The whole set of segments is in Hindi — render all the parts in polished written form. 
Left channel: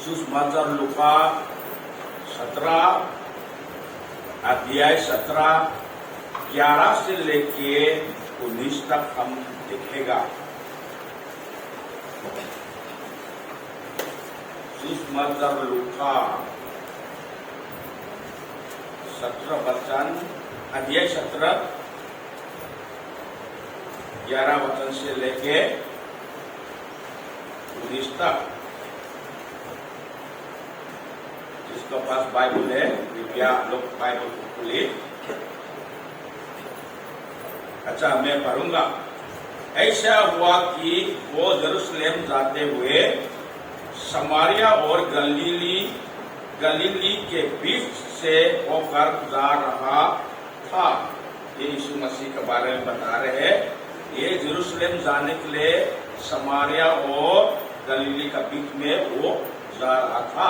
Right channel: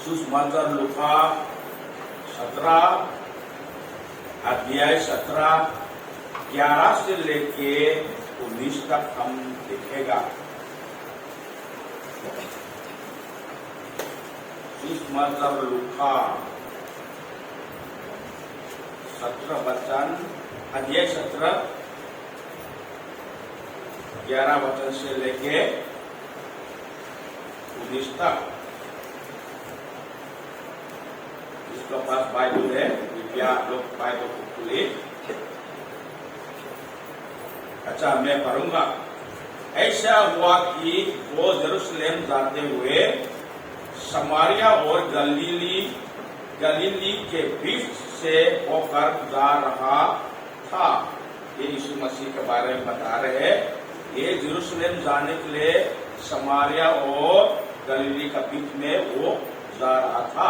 सुसमाचार लूका 17 अध्याय 17 11 से लेके 19 तक हम देखेगा। सुसमाचार लूका 17 वचन अध्याय 17 11 वचन से लेके 19 तक। जिसके पास बाइबल है कृपया आप लोग बाइबल को खोलिए। अच्छा, मैं पढ़ूंगा। ऐसा हुआ कि वो यरूशलेम जाते हुए समारिया और गलीली के बीच से होकर जा रहा था। ये यीशु मसीह के बारे में बता रहे हैं। ये यरूशलेम जाने के लिए समारिया और गलीली के बीच में वो जा रहा था।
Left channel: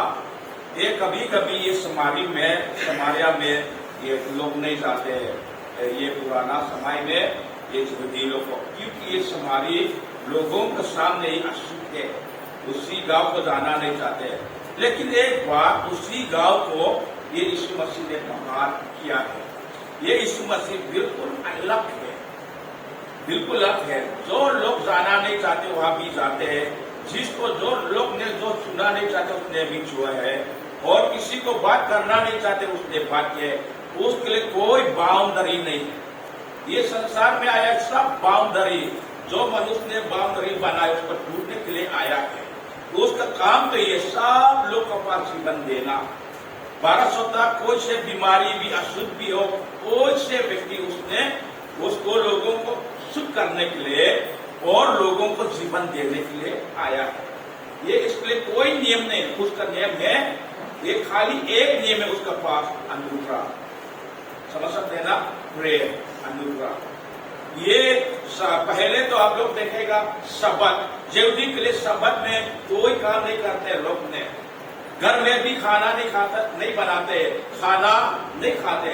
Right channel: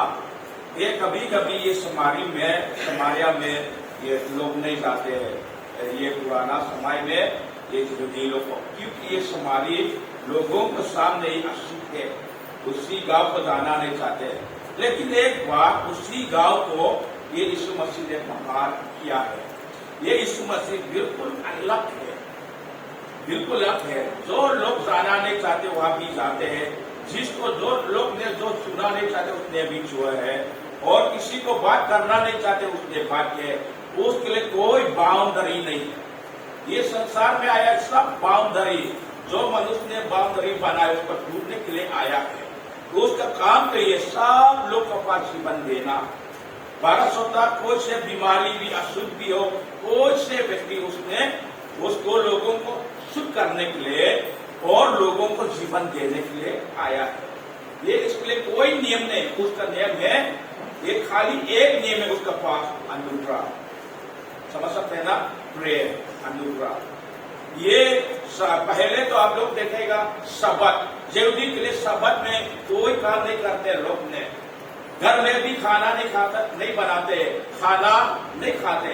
ये कभी कभी ये समारिया में ये लोग नहीं जाते हैं। ये पुराना समय में ये यहूदी लोग, क्योंकि ये समारी लोगों के सामने ही अशुद्ध थे, उसी गांव को जाना नहीं चाहते। लेकिन एक बार उसी गांव को ये यीशु मसीह ने महान किया है। ये यीशु मसीह बिल्कुल अलग है, बिल्कुल अलग है। जो लोग जाना नहीं चाहते वहां भी जाते हैं, जिसको जो लोग ने जो सुना नहीं चाहते उसने भी छुआ है, और किसी को बात करना नहीं चाहते उसने बात किया है। उसके लिए कोई बाउंड्री नहीं। ये संसार में आया सब बाउंड्री, जो मनुष्य ने बाउंड्री बनाया उसको टूटने के लिए आया है। तो उसका काम तो ये सब लोग को पास जीवन देना। बारह होता कोई से बीमारी भी अशुद्ध भी हो, कोई से व्यक्ति उसने उसको लोगों को शुद्ध करने के लिए और लोगों को जीवन देने के लिए आया है। ये इसके लिए कोई नियम नहीं, उसका नियम है ये खाली एक नियम है उसका पास, अनुग्रह। समझ सकते हैं ना? प्रेयर, अनुग्रह। ये पहले तो आप लोग देखेगा सबत, यहूदी के लिए सबत में कोई काम नहीं करते लोग ने। घर में भी खाना नहीं बनाते, खाना नहीं खाते,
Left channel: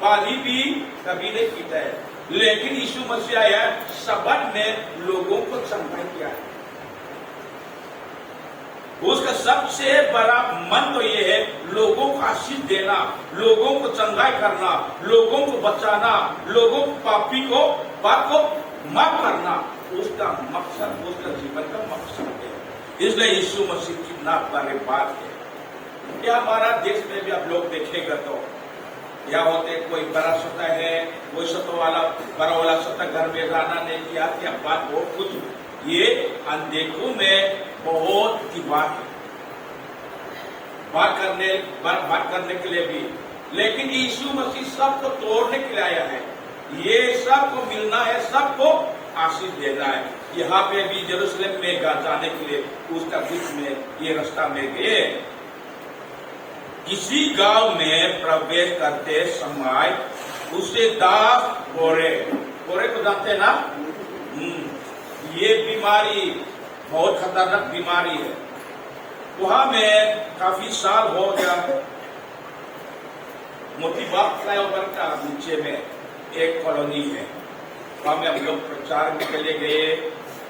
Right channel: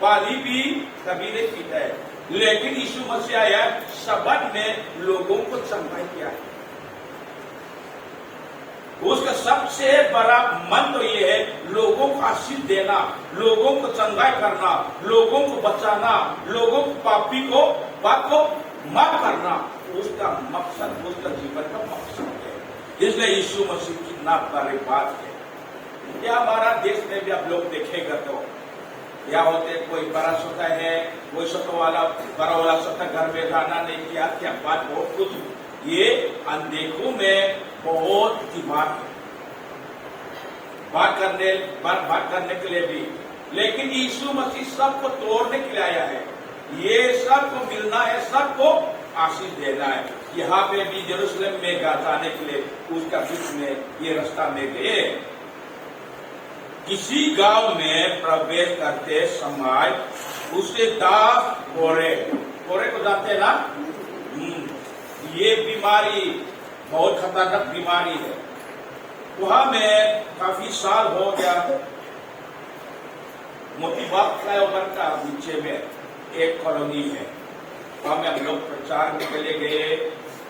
पानी भी कभी नहीं पीते। लेकिन यीशु मसीह आया, सबत में लोगों को चंगाई किया है। उसका सबसे बड़ा मन तो ये है लोगों को आशीष देना, लोगों को चंगाई करना, लोगों को बचाना, लोगों को पाप को माफ करना। उसका मकसद, उसका जीवन का मकसद है। इसलिए यीशु मसीह कितना बड़ी बात है। क्या हमारा देश में भी आप लोग देखेगा तो क्या होते, कोई बड़ा सोता है, कोई बड़ा वाला सोता घर में रहना नहीं किया, क्या बात बहुत कुछ। ये अनदेखों में बहुत की बात करने के लिए भी। लेकिन यीशु मसीह सबको तोड़ने के लिए आया है। ये सबको मिलना है, सबको आशीष देना है। यहाँ पे भी यरूशलेम में जाने के लिए उसका बीच में ये रास्ता में गए। किसी गांव में प्रवेश करते समय उसे दास कोरे को जानते ना? ये बीमारी बहुत खतरनाक बीमारी है। वहां में काफी साल हो गया। मोतीबाग फ्लाईओवर का नीचे में एक कॉलोनी है, वहां में हम लोग प्रचार के लिए गए।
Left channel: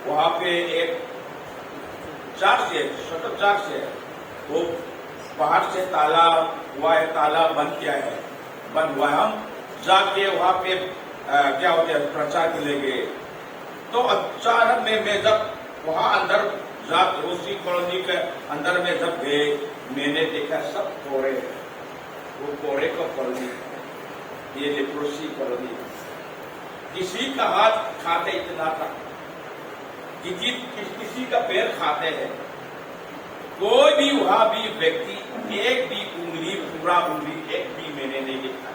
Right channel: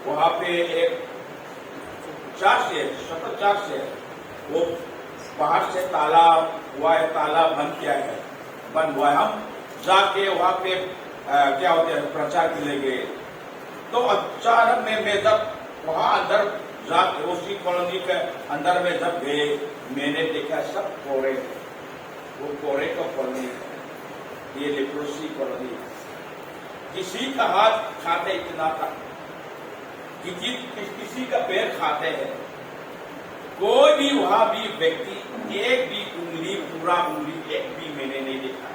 वहां पे एक चर्च है, वो बाहर से ताला हुआ है, ताला बंद हुआ है। हम जाके वहां पे क्या होते हैं प्रचार के लिए गए। तो अचानक में मैं जब वहां अंदर जाके उसी कॉलोनी के अंदर में जब गए, मैंने देखा सब कोड़े, वो कोड़े का कॉलोनी है, ये लेप्रोसी कॉलोनी। किसी का हाथ खाते इतना तक, किसी का पैर खाते हैं। कोई भी वहां भी व्यक्ति एक भी उंगली, पूरा उंगली एक भी मैंने नहीं देखा।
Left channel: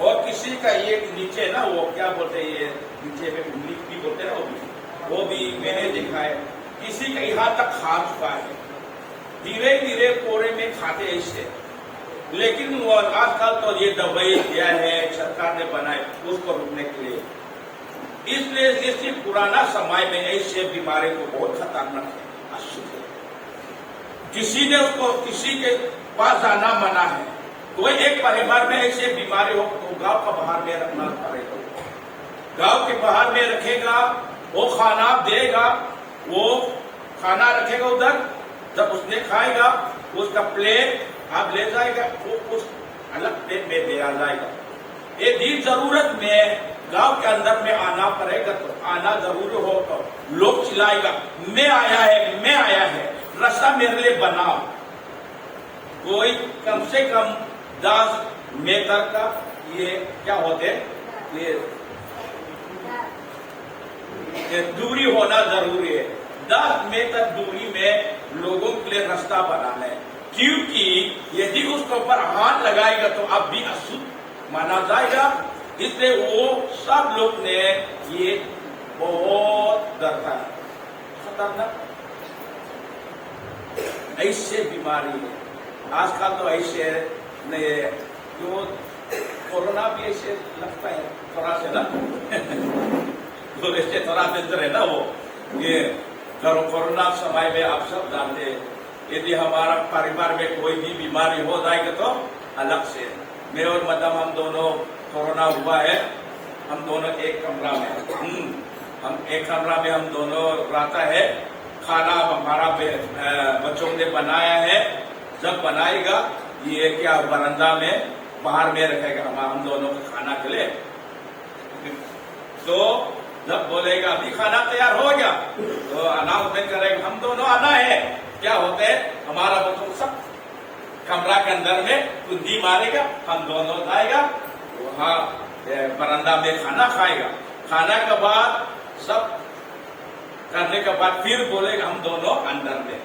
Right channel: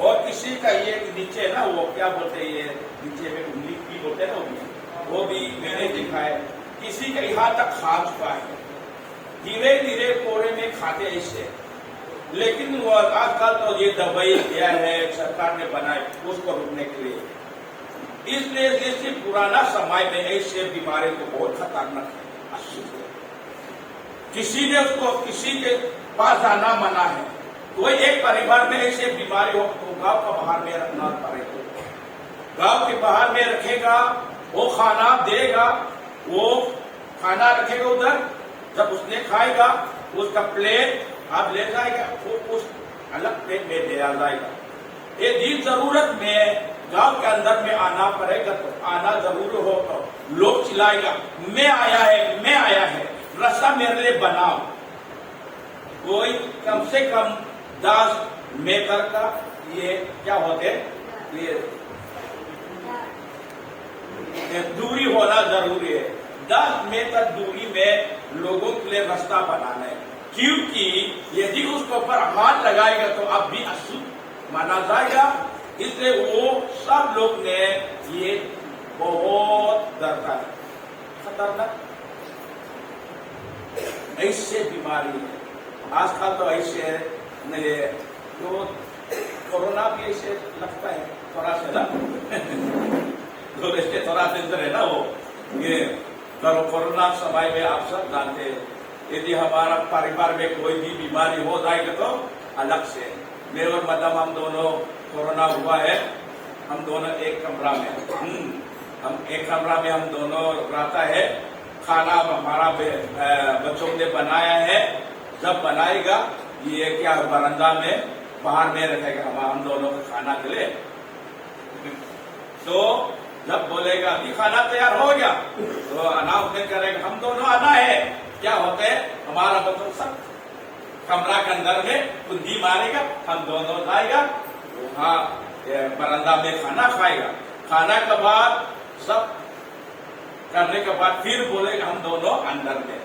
और किसी का ये नीचे ना, वो क्या बोलते हैं, ये नीचे में उंगली भी बोलते हैं ना, वो भी मैंने देखा है। किसी का यहाँ तक खा चुका है। धीरे धीरे कोड़े में खाते ऐसे। लेकिन आजकल तो ये दवाई दिया है, सरकार ने बनाए उसको रोकने के लिए। इसलिए जैसे पुराना समय में ऐसे बीमारी को बहुत खतरनाक है, अशुद्ध है। किसी ने उसको किसी के पास जाना मना है। कोई एक परिवार में ऐसे बीमारी हो तो गांव का बाहर में रखना पड़ेगा। गांव के बाहर में रखेगा, वो खाना देगा, वो खाना रखेगा उधर, जब उसने खाएगा उसका प्लेट आप ले जाएगा, वो उस अलग प्लेट में दे जाएगा। ये दिन जरूरत में गांव के अंदर में आना पड़ेगा तो आना जरूर होगा। लोग चिल्लाएगा मैं आया है, रास्ता मेरे लिए बनाओ। कोई कम से कम 10 मीटर का ये क्या होते ये दूरी होना जरूरी है। 10 मीटर दूरी में लोगों के लिए रास्ता बनाना है, क्योंकि यदि उसके ऊपर हाथ लगाएगा तो अब भी अशुद्ध माना जाएगा। इसलिए वो सब लोग ने ये बहुत डरता है, खतरनाक ऐसे बीमारी है आजकल। तो ऐसे तो कोरोना भी ऐसे लगता है थोड़ा से ना तो ऐसे थोड़ा अंदर है ना वो ये कोरोना समय में आप सब जानते हैं, यदि हमारा परिवार में कोई भी बीमारी हो जाएगी तो अलग से मेरे और मदम हम दोनों कोरोना हुआ है, हम दोनों एक कमरा में हम एक कमरा में हम दोनों रहता है। खाना हमारा बच्चों ने बनाया है, जब बनाएगा ये क्या बरामदा में बाहर में रखेगा हम दोनों को खाना के लिए। तो जब बोलेगा अभी खाना तैयार हो गया तो अनाउंसमेंट करेगा हम दोनों आना है। क्या होता है हमारा बच्चों सब कमरा के अंदर में कुंडी मारेगा, हम दोनों जाएगा वहाँ बरामदा में खाना खाएगा। खाना के बाद सब करने के बाद फिर बोलेगा हम दोनों अंदर में।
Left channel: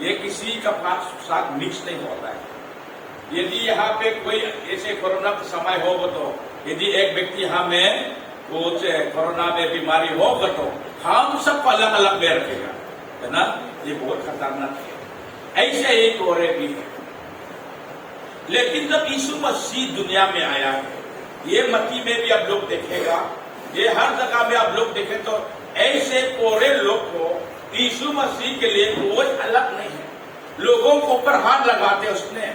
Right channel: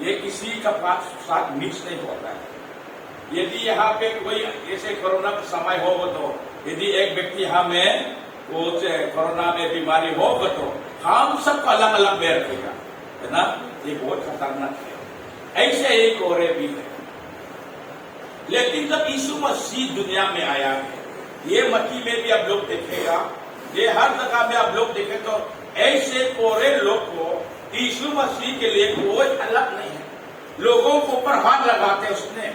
ये किसी का साथ मिक्स नहीं होता है। यदि यहाँ पे कोई ऐसे कोरोना का समय होगा तो यदि एक व्यक्ति हमें कुछ कोरोना में बीमारी होगा तो हम सबको अलग अलग में रखेगा, है ना। ये बहुत खतरनाक है। ऐसे एक और भी है। लेकिन जब यीशु मसीह दुनिया में आया है, ये मत्ती में भी आप लोग देखेगा, ये हर जगह में आप लोग देखें तो ऐसे कोरे लोग को यीशु मसीह के लिए कोई अलग नहीं है। लोगों को ऊपर हाथ लगाते उसने,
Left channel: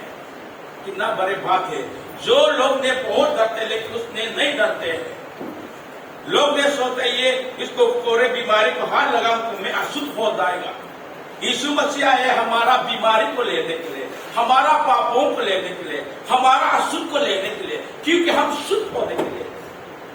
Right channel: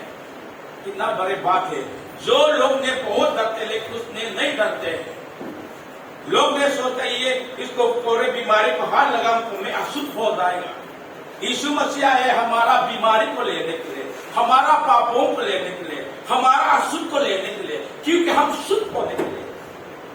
कितना बड़े बात है। जो लोग ने बहुत डरते लेकिन उसने नहीं डरते। लोग ने सोचते ये इसको कोरे बीमारी को हाथ लगाओ तो मैं अशुद्ध हो जाएगा। यीशु मसीह आए हमारा बीमारी को लेने के लिए, हमारा पापों को लेने के लिए, हमारा अशुद्ध को लेने के लिए, क्योंकि हम शुद्ध होने के लिए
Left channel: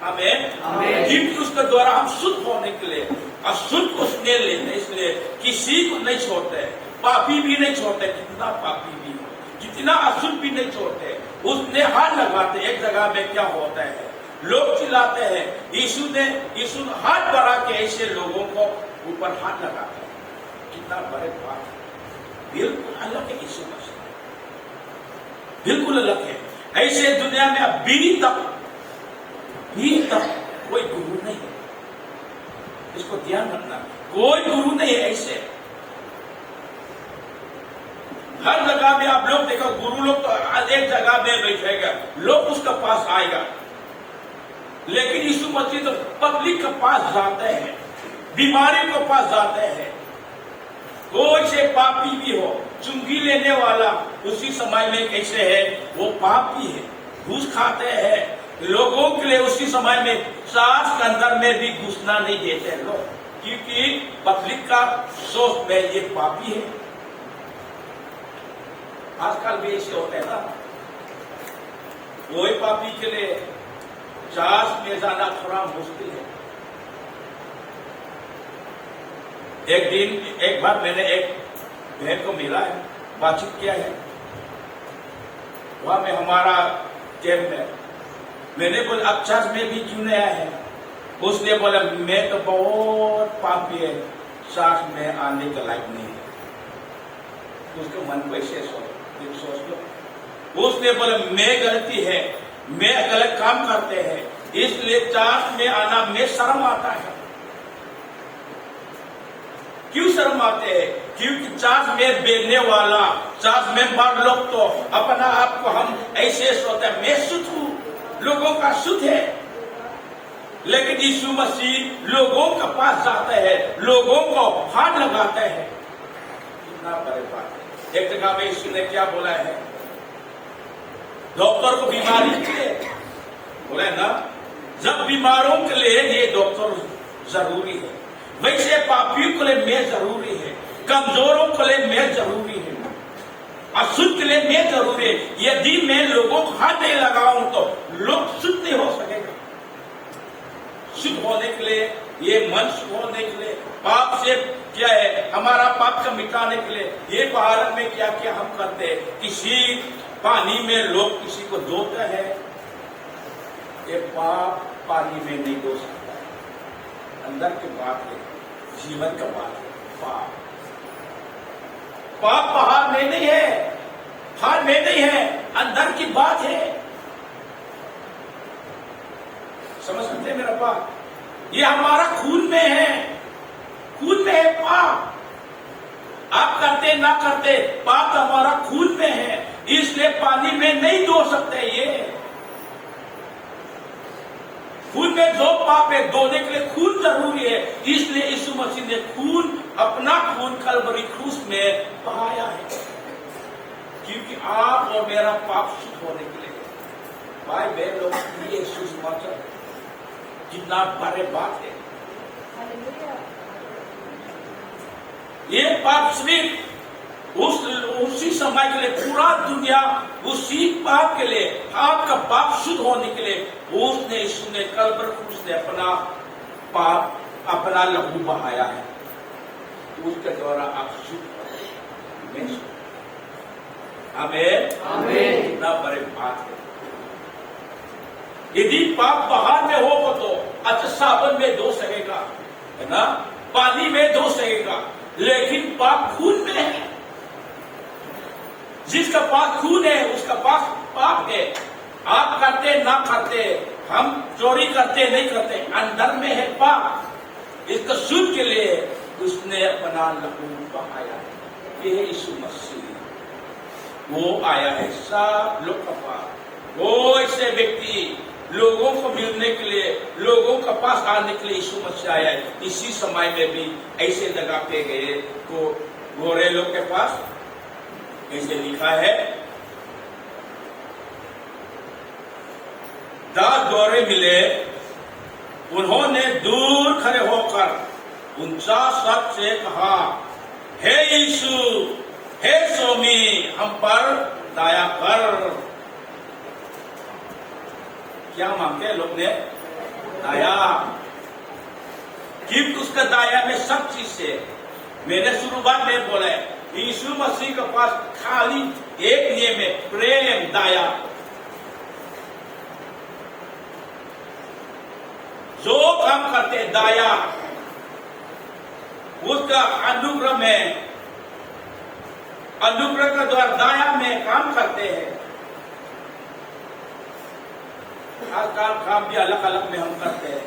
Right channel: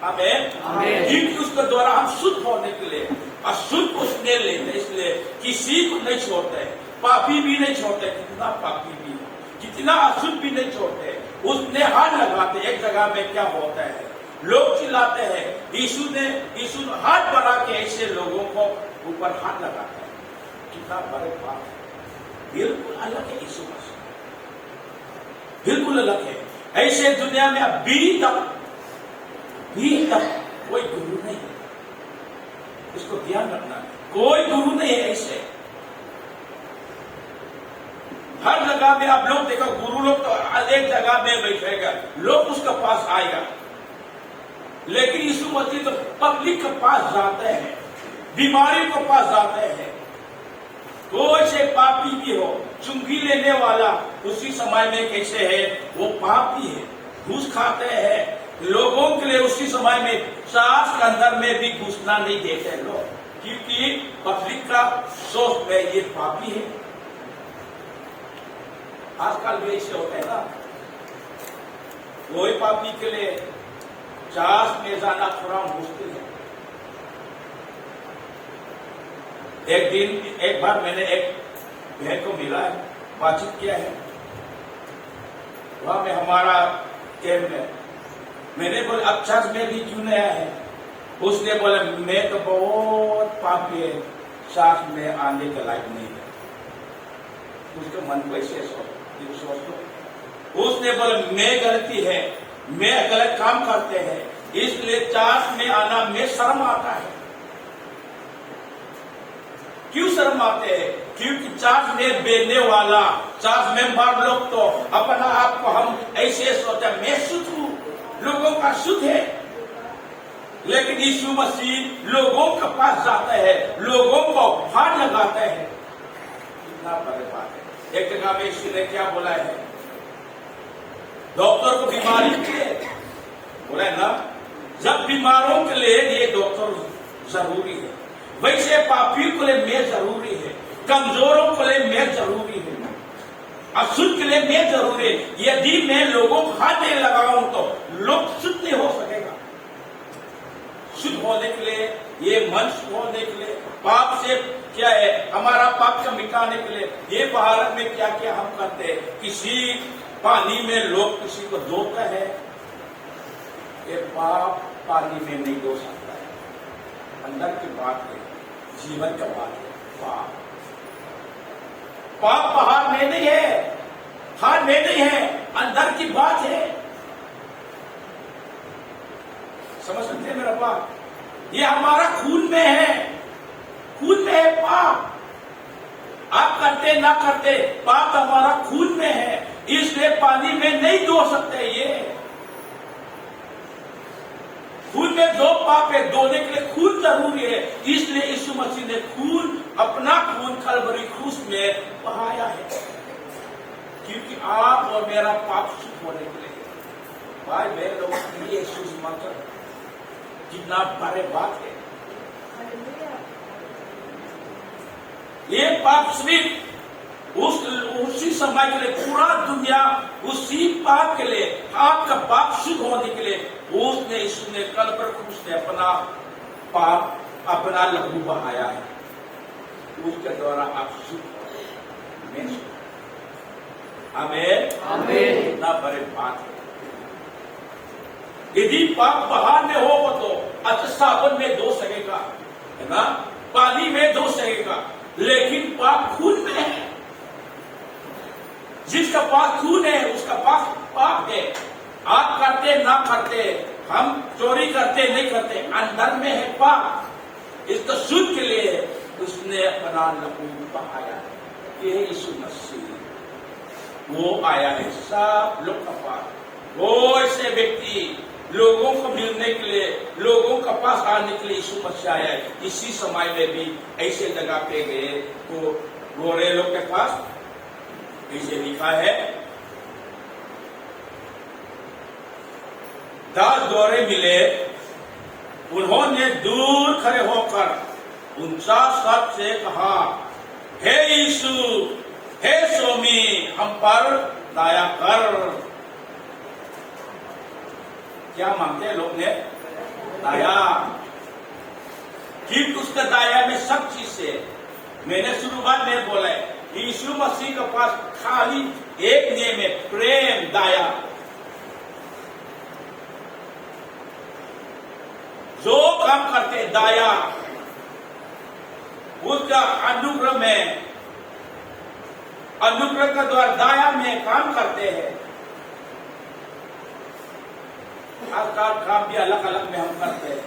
हमें जिनकी उसके द्वारा हम शुद्ध होने के लिए अशुद्ध उसने लेने, इसलिए किसी को नहीं छोड़ते, पापी भी नहीं छोड़ते, कितना पापी भी कितना अशुद्ध भी नहीं छोड़ते, उसने हाथ लगाते। एक जगह में क्या होता है लोग चिल्लाते हैं यीशु हाथ बढ़ा के ऐसे लोगों को ऊपर हाथ लगाता है। कितना बड़े बात है, बिल्कुल अलग है यीशु मसीह, बिल्कुल अलग है। ऐसे दुनिया में अभी तक कोई गुरु नहीं है, इसको ध्यान रखना, कोई गुरु नहीं है। ऐसे हर जगह में आप लोग देखो गुरु लोग तो एक जगह में बैठेगा, लोग उसके पास आएगा, लेकिन यीशु मसीह तो पब्लिक के पास जाते हैं, बीमारी के पास जाते हैं। कोई से पापी भी हो, चुंगी लेने वाला उसी समय में कैसे है वो पापी है, घूस खाते हैं, लोगों के लिए उसी समय में सांस के अंदर में भी घुसना नहीं देते लोग, क्योंकि पब्लिक का सोच है ये पापी है। आजकल भी ऐसे होते हैं ना, कोई पापी के लिए सांस में जाना थोड़ा मुश्किल है। एक बार मैंने एक बहन को मिला है, बातचीत किया है, वहां में हमारा कैंप में मैंने बोला अब चर्च में भी क्यों नहीं आया है? उसने बोला मैं तो बहुत पापी है, सांस में आने के लायक नहीं है। उसके मन को ऐसे सोच लो। उसने बोला मैं गलती है, मैं गलत काम करते हैं, इसलिए चर्च में आना में शर्म आता है। क्यों शर्म आते हैं? क्योंकि चर्च में बेचने वाला, चर्च में बड़ लोग तो अपना आप को हम ऐसे सोचते हैं मैं शुद्ध हूं, लोगों का शुद्ध है। लेकिन यीशु मसीह लोगों के पास जाता है, लोगों को हाथ लगाता है। कितना बड़े बात है। एक जगह में यीशु ने क्या बोला है, डॉक्टर को बीमारी के लिए बोला ना, जब बीमारों के लिए ये डॉक्टर जरूरी है, वैसे पापियों के लिए मैं जरूरी है। कमजोरों के लिए मैं जरूरी हूं, अशुद्ध के लिए मैं जरूरी है। यदि मैं लोगों को हाथ नहीं लगाऊं तो लोग शुद्ध नहीं हो सकेगा। शुद्ध होने के लिए, ये मन शुद्ध होने के लिए, पाप से क्या है, हमारा पाप से मिटाने के लिए ये भारत में क्या क्या हम करते हैं। किसी पानी में लोग किसी को धोते हैं, ये पाप पानी में नहीं धो सकता है। अंदर की बात है, जीवन का बात है। पाप बाहर में नहीं है, बाहर में नहीं है, अंदर की बात है। समझ सकते हैं मेरा बात? ये हमारा खून में है, खून में है पाप। आप करते ना करते, पाप हमारा खून में है, इसलिए पानी में नहीं धो सकते। ये खून में दो पाप है, धोने के लिए खून जरूरी है। इसलिए यीशु मसीह ने खून, अपना खून कलवरी क्रूस में बहाया है, क्योंकि आप और मेरा पाप शुद्ध होने के लिए। भाई बहन लोगों के लिए यीशु मसीह कितना बड़े बात है। ये पाप सिर्फ उसी समय के लिए, पूरा दुनिया उसी पाप के लिए, आपका पाप शुद्ध होने के लिए उसने, यीशु ने कलवरी क्रूस ने अपना पाप, अपना लहू बहाया है। उसके द्वारा आप शुद्ध में शुद्ध। आमीन आमीन। कितना बड़े बात है। यदि पाप बाहर में हो तो अच्छा साबुन में धो सकेगा, है ना, पानी में धो सकेगा, लेकिन पाप खून में है। जिसका पाप खून है उसका पाप पाप है। आप करते ना करते, हम चोरी करते नहीं करते, अंदर में है पाप। इसको शुद्ध के लिए उसने अपना लहू बहाया। ये यीशु मसीह वो आया है सब लोग का पास। वो ऐसे व्यक्ति लोगों को मिलने के लिए, लोगों का पास आने के लिए यीशु मसीह आया है। इसी समय में भी ऐसे जगह पे गए तो गोरे लोग के पास ऐसे लिखा है, 10 गोरे मिले, उन्होंने दूर खड़े होकर ऊंचा शब्द से कहा, हे यीशु, हे स्वामी, हम पर दया कर। क्या मांगते हैं लोग ने? दया। क्योंकि उसका दया में सब चीज से, मैंने शुरुआत में बोला है, यीशु मसीह के पास खाली एक नियम है, प्रेम, दया। जो काम करते हैं दया, उसका अनुग्रह में, अनुग्रह के द्वारा दया में काम करते हैं। आजकल काम भी अलग अलग में हम करते हैं।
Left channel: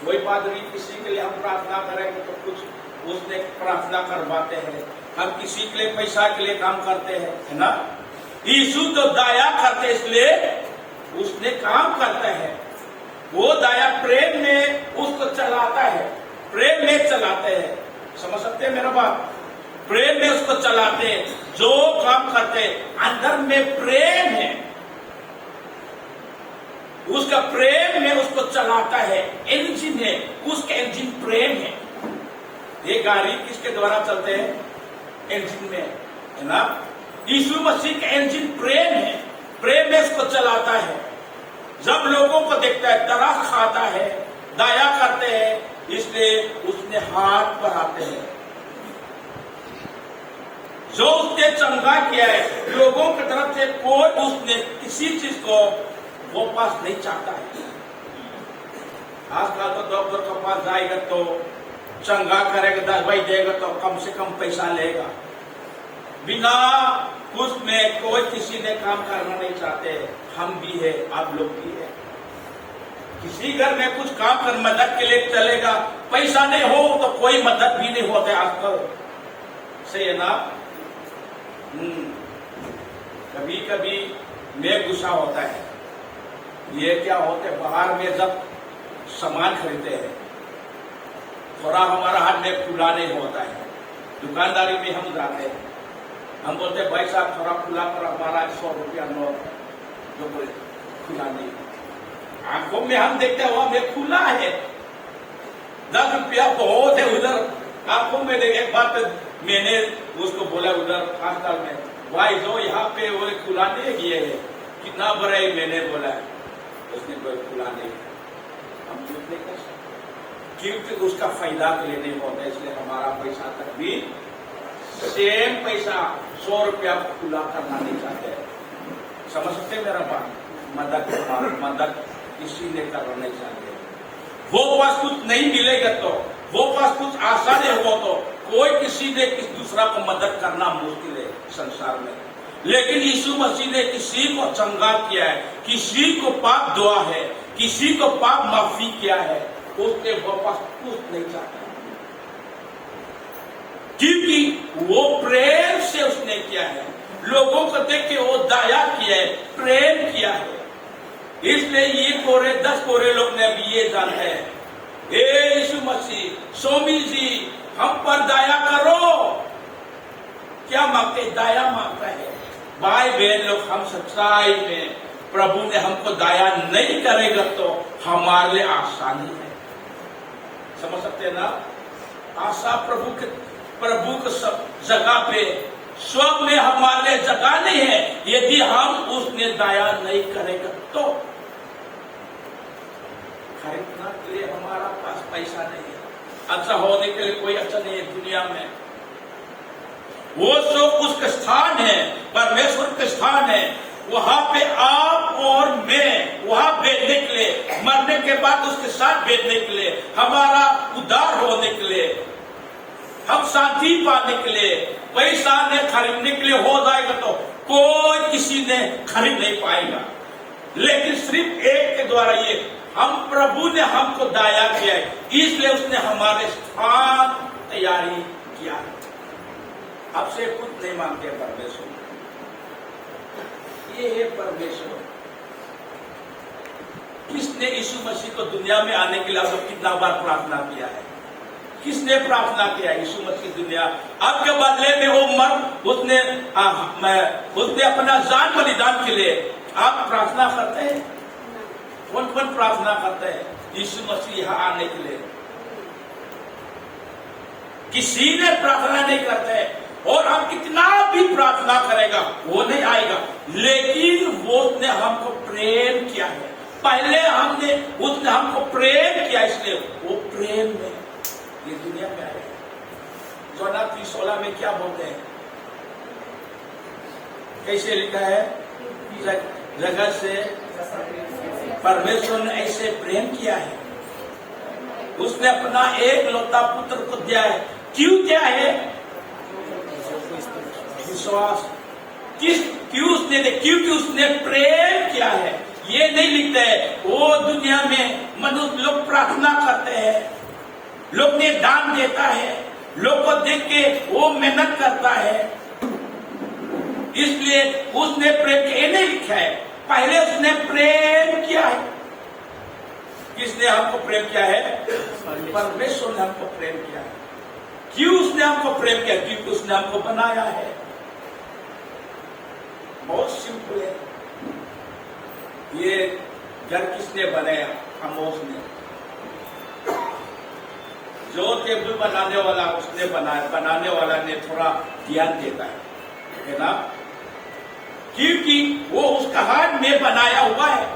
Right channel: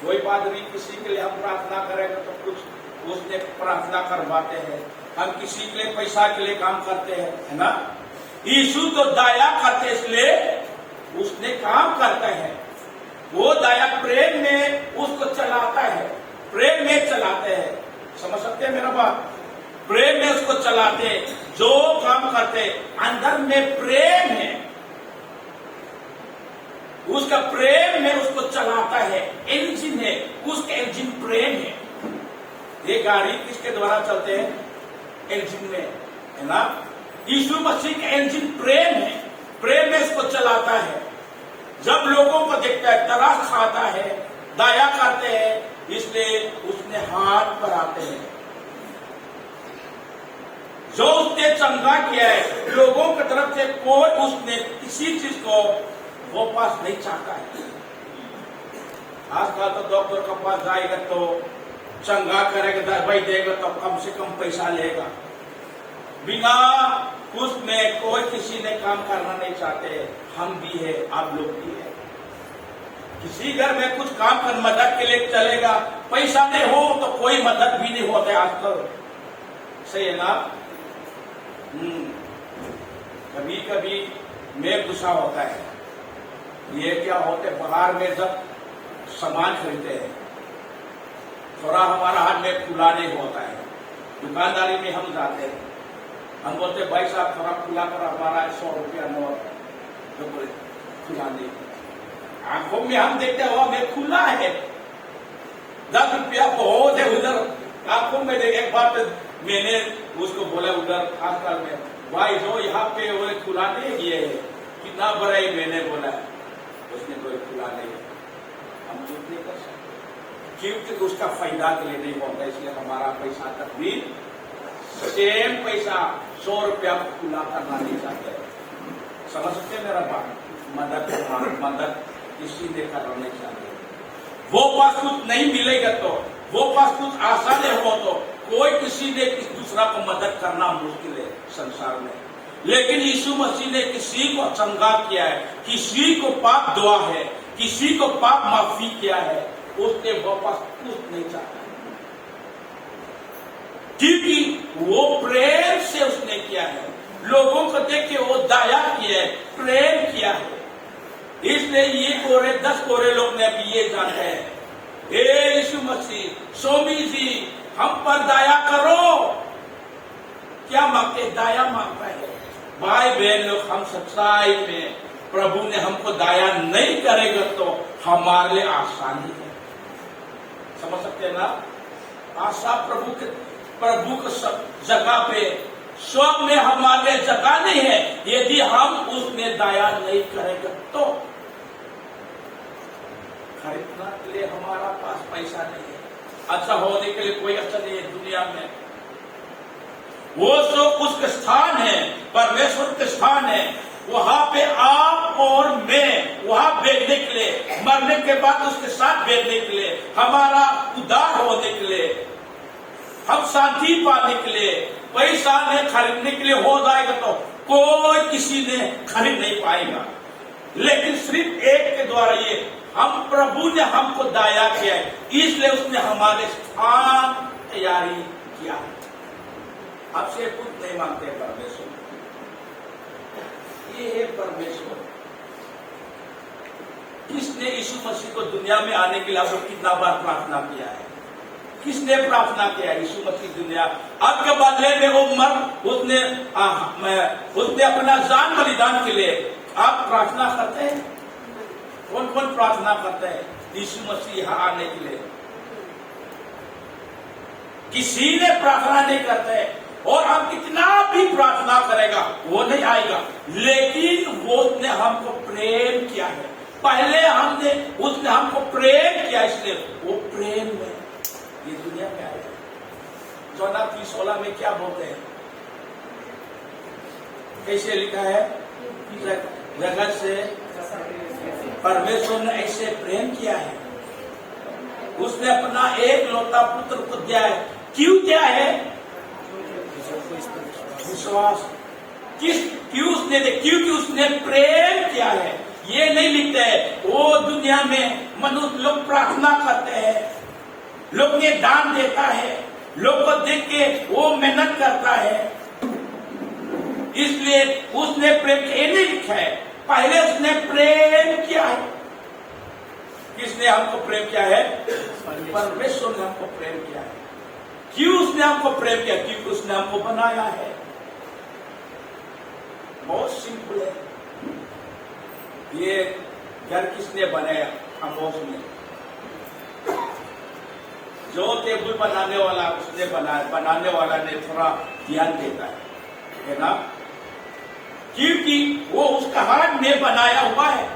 कोई पादरी किसी के लिए हम प्रार्थना करेंगे तो कुछ उसने प्रार्थना करवाते हैं, हम किसी के लिए पैसा के लिए काम करते हैं, है ना। यीशु तो दया करते इसलिए उसने काम करता है। वो दया प्रेम में उसको चलाता है, प्रेम में चलाते हैं। समझ सकते हैं मेरा बात? प्रेम में उसको चलाते हैं। जो काम करते हैं अंदर में प्रेम है, उसका प्रेम में उसको चलाता है। इंजन है, उसका इंजन प्रेम है। ये गाड़ी किसके द्वारा चलते हैं? इंजन में, है ना। यीशु मसीह का इंजन प्रेम है, प्रेम में उसको चलाता है। जब लोगों को देखता है, तरस खाता है, दया करते हैं, इसलिए उसने हाथ बढ़ाते हैं। जो उसने चंगा किया है लोगों की तरफ से, कोई उसने किसी चीज को वापस नहीं चाहता है। आजकल तो डॉक्टर के पास जाएगा तो चंगा करेगा, दवाई देगा तो कम से कम पैसा लेगा। बिना कुछ में कोई किसी ने काम करना नहीं चाहते। हम भी है, आप लोग भी है। किसी घर में कुछ काम कर मदद के लिए चलेगा, पैसा नहीं हो तो कोई मदद भी नहीं होता आजकल। सही है ना। कभी कभी में गुस्सा होता है। ये क्या होते है, बाहर में जब सामान खरीदते हैं थोड़ा हमारा हाथ में खुला नहीं होता है। दुकानदारी में हम जाते हैं, हम बोलते भाई साहब थोड़ा खुला पर हमारा 100 रुपया नोट जो बोले खुला नहीं। आंखों में हम देखते हुआ में खुला है, 10 रुपया बहुत है उधर। आंखों में देखे एक बार मैंने उसको बोला उधर अस्पताल में, भाई जो यहाँ पे वो खुलाने गए है, कितना बड़ा है, मैंने बोला उसने कोई खुलाने, हम चुप नहीं कर सकते क्योंकि उसका फायदा के लिए नहीं होता, इसलिए हमारा पैसा तक भी सेम पैसा 100 रुपया खुला करना नहीं चाहते। समझते मेरा बात? मदद किसी ने करना नहीं चाहते। वो पास कुछ नहीं मिलेगा तो, वो पास कुछ आशा नहीं हो तो कोई किसी ने दूसरा को मदद करना मुश्किल है संसार में। लेकिन यीशु मसीह ने किसी को चंगा किया है, किसी को पाप दुआ है, किसी को पाप माफी किया है, उसके वो पास कुछ नहीं चाहता, क्योंकि वो प्रेम से उसने किया है, लोगों को देख के वो दया किया है, प्रेम किया है। इसलिए ये 10 कोरे लोग ने अभी ये जाना है, हे यीशु मसीह, स्वामी जी हम पर दया करो। क्या मांगते? दया मांगता है। भाई बहन लोग, हम सच्चाई में प्रभु ने हमको दया नहीं करेगा तो हमारे लिए आसानी है। समझ सकते हैं ना? आशा प्रभु को सब जगह पे स्वर्ग में हमारे लिए जगह नहीं है यदि हम उसने दया नहीं करेगा तो। खरीदना के लिए हमारा पास पैसा नहीं है, अच्छा होने के लिए कोई अच्छा नहीं है दुनिया में। वो जो उसका स्थान है, परमेश्वर का स्थान है, वहां पे आप और मैं वहां बैठने के लिए, मरने के बाद उसके साथ बैठने के लिए, हमारा उद्धार होने के लिए, हम शांति पाने के लिए, पैसा ने खरीदने के लिए हो जाएगा तो कोई किसी ने खरीद नहीं पाएगा। लेकिन सिर्फ एक के द्वारा ये हम प्रभु ने हमको दया किया है, इसलिए उसने हमारे स्थान तैयारी किया। आपसे कुछ नहीं मांगते परमेश्वर, ये है परमेश्वर। किसने यीशु मसीह को दुनिया में आने के लिए आपको कितना बार प्रार्थना किया है? किसने प्रार्थना किया? यीशु मसीह दुनिया आपके बदले में वो मर उसने अपना जान बलिदान के लिए आप प्रार्थना करते हैं? कौन कौन प्रार्थना करते हैं यीशु मसीह यहाँ आने के लिए? किसी ने प्रार्थना नहीं करते, और हम कितना भी प्रार्थना करेगा वो नहीं आएगा। लेकिन वो उसने हमको प्रेम किया है, पहले उसने हमको प्रेम किया, इसलिए वो प्रेम में ये दुनिया में आए। जोना 3:16 में क्या बोलते हैं? कैसे लिखा है? जगत से परमेश्वर ने ऐसे प्रेम किया है, उसने अपना एक लौता पुत्र को दिया है। क्यों दिया है? विश्वास। क्यों उसने दिया? क्योंकि उसने प्रेम किया है। ये नहीं लिखते है वो दुनिया में मनुष्य लोग प्रार्थना करते हैं, लोग ने दान देता है, लोग को देख के वो मेहनत करता है, इसलिए उसने प्रेम किया। नहीं लिखा है, पहले उसने प्रेम किया है। किसने हमको प्रेम किया है? परमेश्वर ने हमको प्रेम किया है। क्यों उसने हमको प्रेम किया? क्योंकि उसने हमको बनाया है। बहुत सिंपल है। ये घर किसने बनाया? आमोस ने। जो टेबल बनाने वाला उसने बनाया, बनाने वाला ने थोड़ा ध्यान देता है ना, क्योंकि वो उसका हाथ में बनाया हुआ है।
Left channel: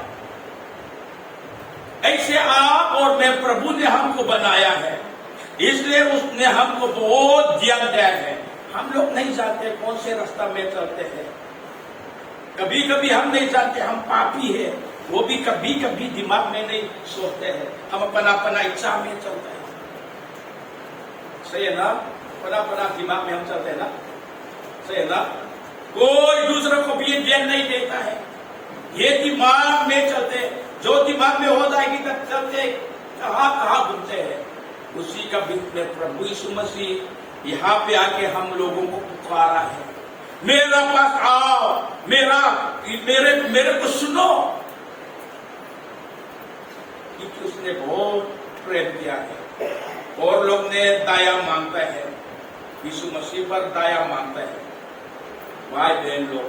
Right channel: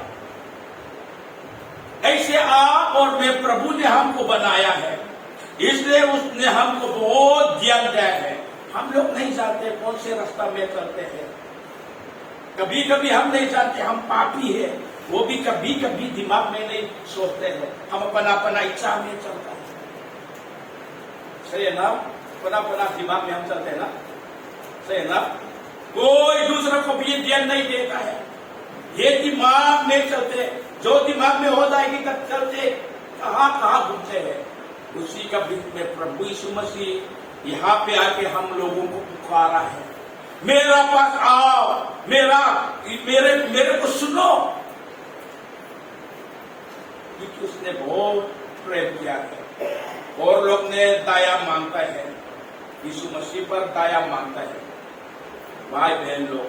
ऐसे आप और मैं प्रभु ने हमको बनाया है, इसलिए उसने हमको बहुत ध्यान दिया है। हम लोग नहीं जानते कौन से रास्ता में चलते हैं, कभी कभी हम नहीं जानते हम पापी है, वो भी कभी कभी दिमाग में नहीं सोचते हैं, हम अपना इच्छा में चलते हैं। सही है ना? अपना दिमाग में हम चलते हैं ना, सही है ना? कोई दूसरों को भी ध्यान नहीं देता है, ये दिमाग में चलते, जो दिमाग में हो जाएगी तब चलते कहाँ घूमते हैं। उसी का बीच में प्रभु यीशु मसीह यहाँ पे आके हम लोगों को पुकारा है, मेरे पास आओ, मेरे को सुनो, क्योंकि उसने बहुत प्रेम किया है। और लोग ने दया मांगता है, यीशु मसीह पर दया मांगता है। भाई बहन लोग,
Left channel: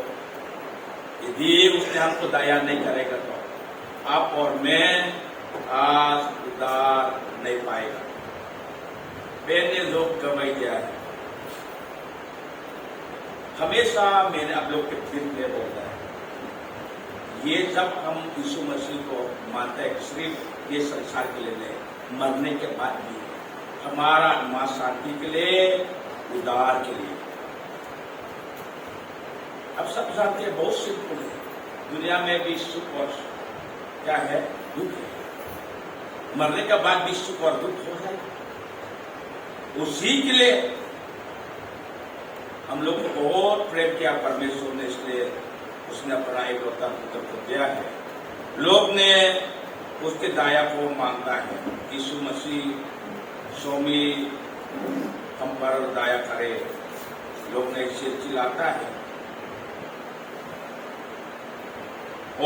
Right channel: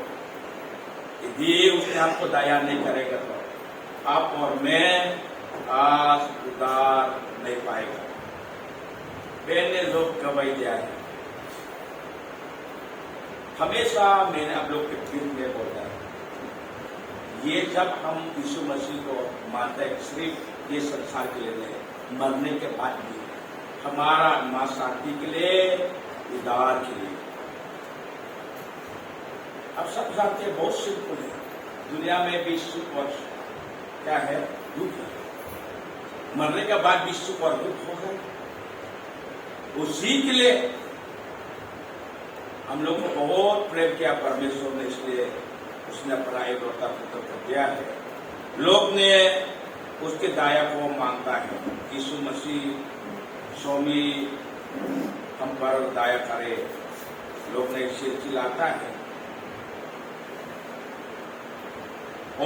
यदि उसने हमको दया नहीं करेगा तो आप और मैं आज उद्धार नहीं पाएगा। मैंने लोग गवाही दिया है, हमेशा मैंने आप लोग के फिर में बोलता है, ये जब हम यीशु मसीह को मानते हैं सिर्फ ये संसार के लिए नहीं, मरने के बाद भी हमारा मां शांति के लिए, उद्धार के लिए। अब सब जानते हैं बहुत सिंपल है, दुनिया में भी सुख और क्या है, दुख है। मरने के बाद भी सुख और दुख हो जाएगा। उसी के लिए हम लोग को बहुत प्रेम किया परमेश्वर ने, इसलिए उसने अपना एक पुत्र को दिया है। लोग ने उसके दया को मांगता है, यीशु मसीह स्वामी हम पर दया करे, लोग ने इसे चिल्लाता है।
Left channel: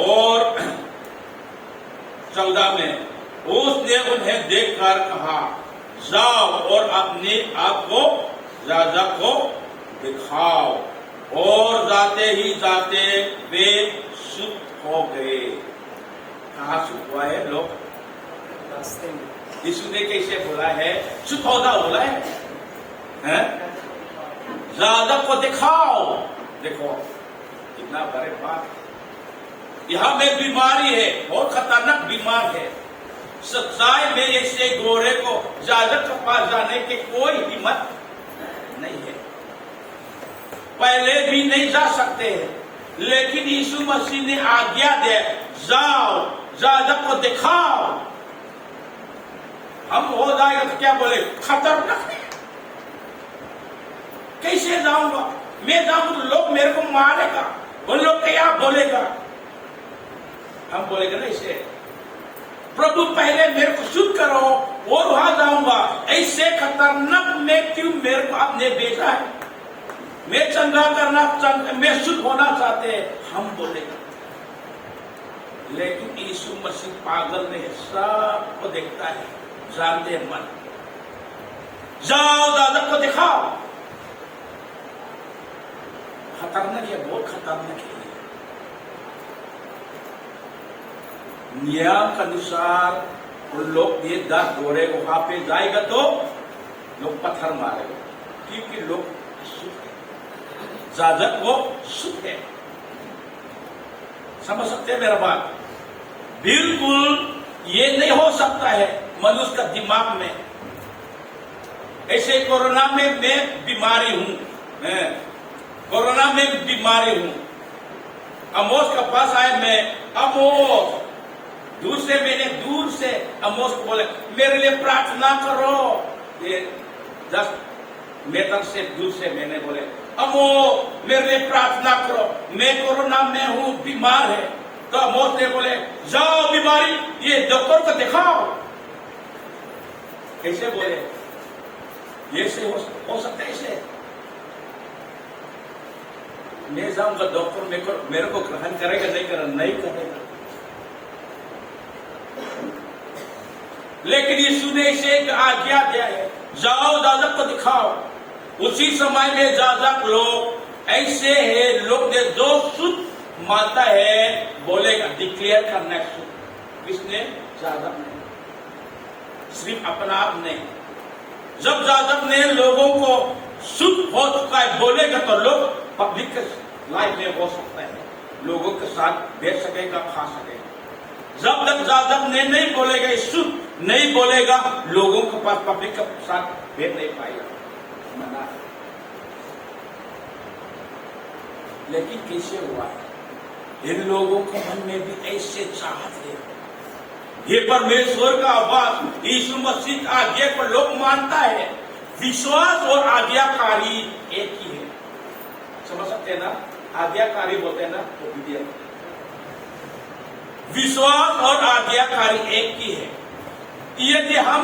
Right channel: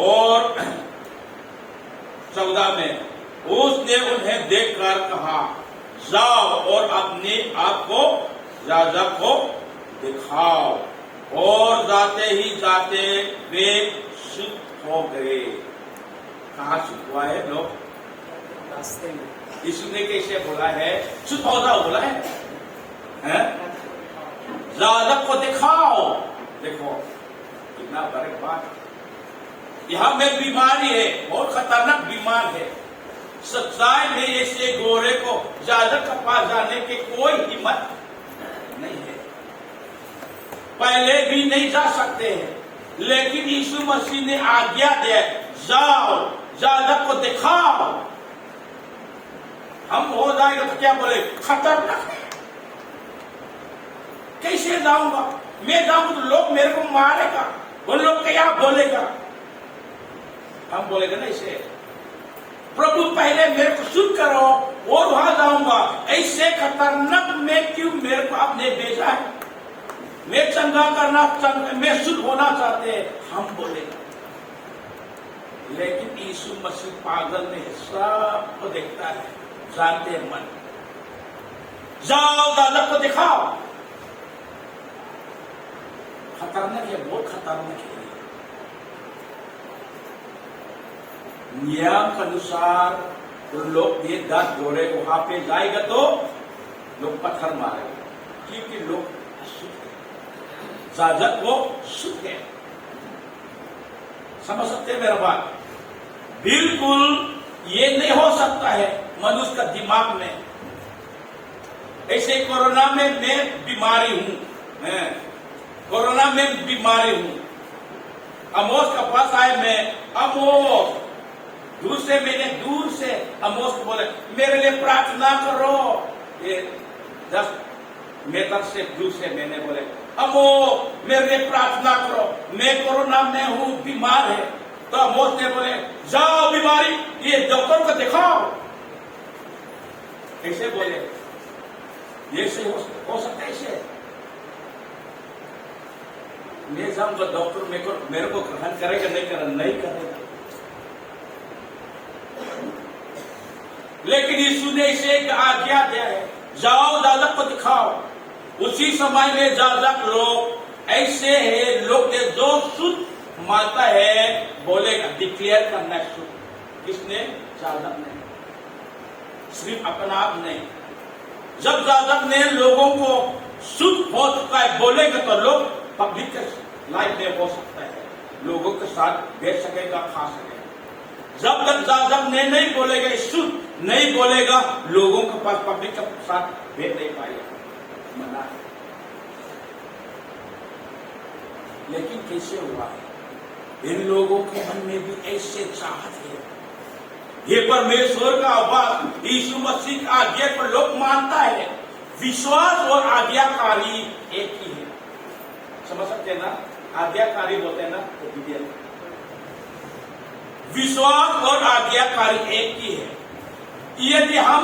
और 14 में उसने उन्हें देखकर कहा, जाओ और अपने आप को राजा को दिखाओ। और जाते ही जाते वे सुख हो गए। कहाँ सुख हुआ है लोग? रास्ते में। यीशु ने कैसे बोला है? सुख होगा बोला है, राजा को दिखाओ। देखो कितना बड़े बात। यहाँ में बीमारी है, बहुत खतरनाक बीमार है। सच्चाई में ऐसे गोरे को ज्यादा के पास जाने की कोई हिम्मत नहीं है, पहले भी नहीं जा सकते हैं, लेकिन यीशु मसीह ने आज्ञा दे, जाओ ज्यादा को दिखाओ। हम हो जाएगा तो क्या बोले? खतरनाक है, कैसे जाऊंगा? मैं जाऊंगा तो लोग मेरे को मारेगा, वो लोग क्या बोलेगा? हम बोलेगा ना इसे, प्रभु पहले मेरे को शुद्ध करो और वहां जाऊंगा। ऐसे खतरनाक में क्यों मेरे को आपने भेजा है? मैं चंगा करना, मैं शुद्ध होना चाहते हैं, हम बोलेगा। लेकिन यीशु मसीह पागल नहीं, सबको देखता है, जानते हैं मन। जाओ दादा को दिखाओ। खतरनाक है, बहुत खतरनाक है। नियम के अनुसार उन लोग ये 10 घोड़े वहां पे जाएगा तो लोग पत्थर मारेगा, क्योंकि लोग जाजक वो सुख है। समझ सकते हैं मेरा बात? बिल्कुल ये नहीं हो सकता है मनुष्य का दिमाग में। ऐसे कोरोना में मैं बीमारी हूं, कोरोना में बीमारी हूं। अमोस के पास आया मैं, अमोस दूर से अमोस को बोले मेरे लिए प्रार्थना करो। ये 10 मीटर से दूर से मैंने बोले, अमो मेरे लिए प्रार्थना करो, मैं कोरोना में हूं, बीमार है। तो अमोस ने बोले, जाओ बीमारी ये डॉक्टर को दिखाओ। कैसे बोले? ये से हो सकता है इसे? मैं जाऊंगा डॉक्टर मेरे को ग्रहण करेगा नहीं करेगा। लेकिन यीशु ने इसे एक आज्ञा दिया है, जाओ दादा को दिखाओ। उसी समय में ज्यादा लोग ऐसे है, लोग ने जो शुद्ध मानता है बोलेगा, डिक्लेयर करना है शुद्ध। किसने? जादव ने, सिर्फ अपना आप नहीं। जब जादव ने लोगों को शुद्ध हो चुका है बोलेगा तो लोग पब्लिक लाइफ में हो सकता है, लोगों के साथ बैठ सकेगा, खा सकेगा। जब तक जादव ने नहीं बोलेगा, शुद्ध नहीं बोलेगा, लोगों के पास पब्लिक के साथ बैठ नहीं पाएगा, मना है। लेकिन कैसे हुआ? इन लोगों के मन में भी ऐसे चाहत है। ये परमेश्वर का आवाज, यीशु मसीह का आज्ञा को लोग मानता है। विश्वास और आज्ञाकारी एक ही है। समझ सकते हैं ना? आज्ञाकारी बोलते हैं ना, ओबीडियंट। विश्वास और आज्ञाकारी एक ही है। यदि हम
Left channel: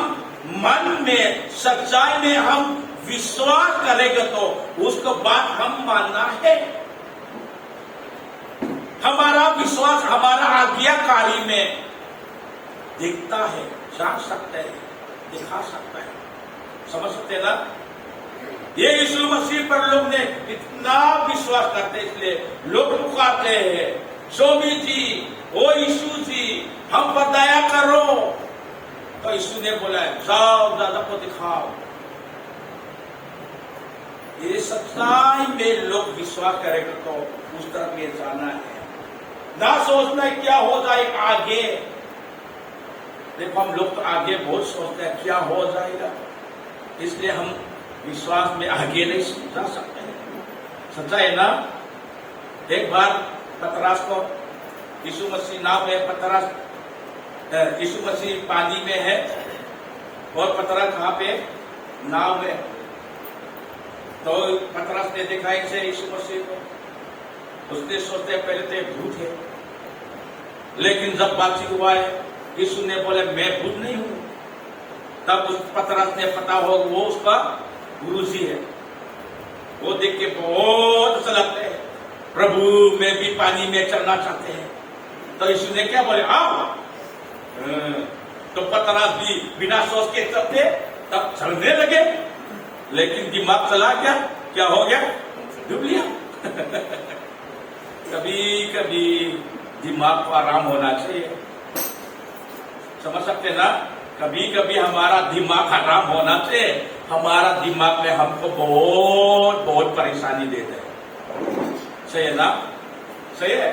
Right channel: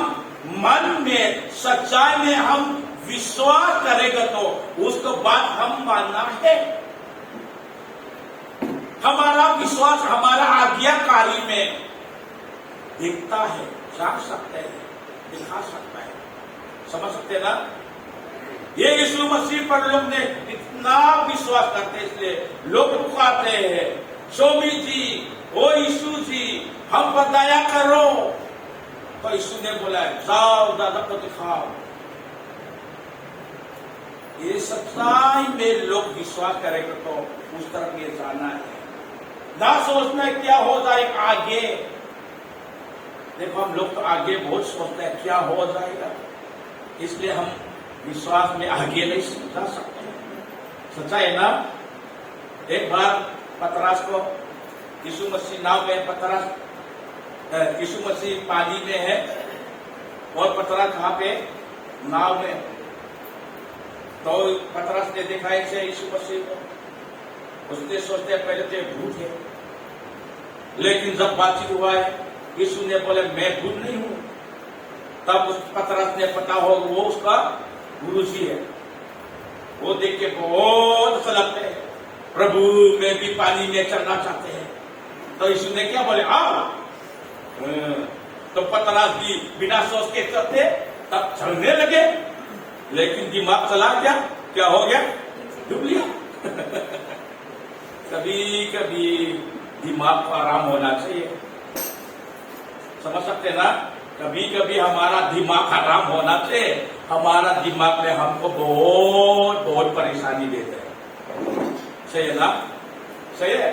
मन में, सच्चाई में हम विश्वास करेंगे तो उसको बात हम मानना है। हमारा विश्वास हमारा आज्ञाकारी में दिखता है, जान सकते हैं, दिखा सकता है। समझ सकते हैं ना? ये यीशु मसीह पर लोग ने इतना विश्वास करते हैं, इसलिए लोग पुकारते हैं, स्वामी जी, ओ यीशु जी, हम पर दया करो। तो यीशु ने बोला, जाओ दादा को दिखाओ। ये सच्चाई में लोग विश्वास करेंगे तो उस तरफ ये जाना है। ना सोचना है क्या हो जाए आगे। देखो हम लोग तो आगे बहुत सोचते हैं क्या हो जाएगा, इसलिए हम विश्वास में आगे नहीं जा सकते। सच्चा है ना। एक बार पतरस को यीशु मसीह नाव में, यीशु मसीह पानी में है और पतरस कहाँ पे, नाव में। तो पतरस ने देखा इसे यीशु मसीह को, उसने सोचते पहले तो एक भूत है, लेकिन जब बातचीत हुआ है यीशु ने बोले मैं भूत नहीं हूं, तब उस पतरस ने पता हो वो उसका गुरु जी है। वो देख के बहुत अच्छा लगता है, प्रभु में भी पानी में चलना चाहते हैं। तो यीशु ने क्या बोले आओ। तो पतरस भी बिना सोच के चलते तब चलने लगे, लेकिन दिमाग चला गया, क्या हो गया, डूब गया। कभी कभी दिमाग को आराम होना चाहिए, समझ सकते ना। कभी कभी हमारा दिमाग आराम होना चाहिए। हमारा दिमाग में हमको बहुत बहुत परेशानी देते हैं, सही है ना, सही है।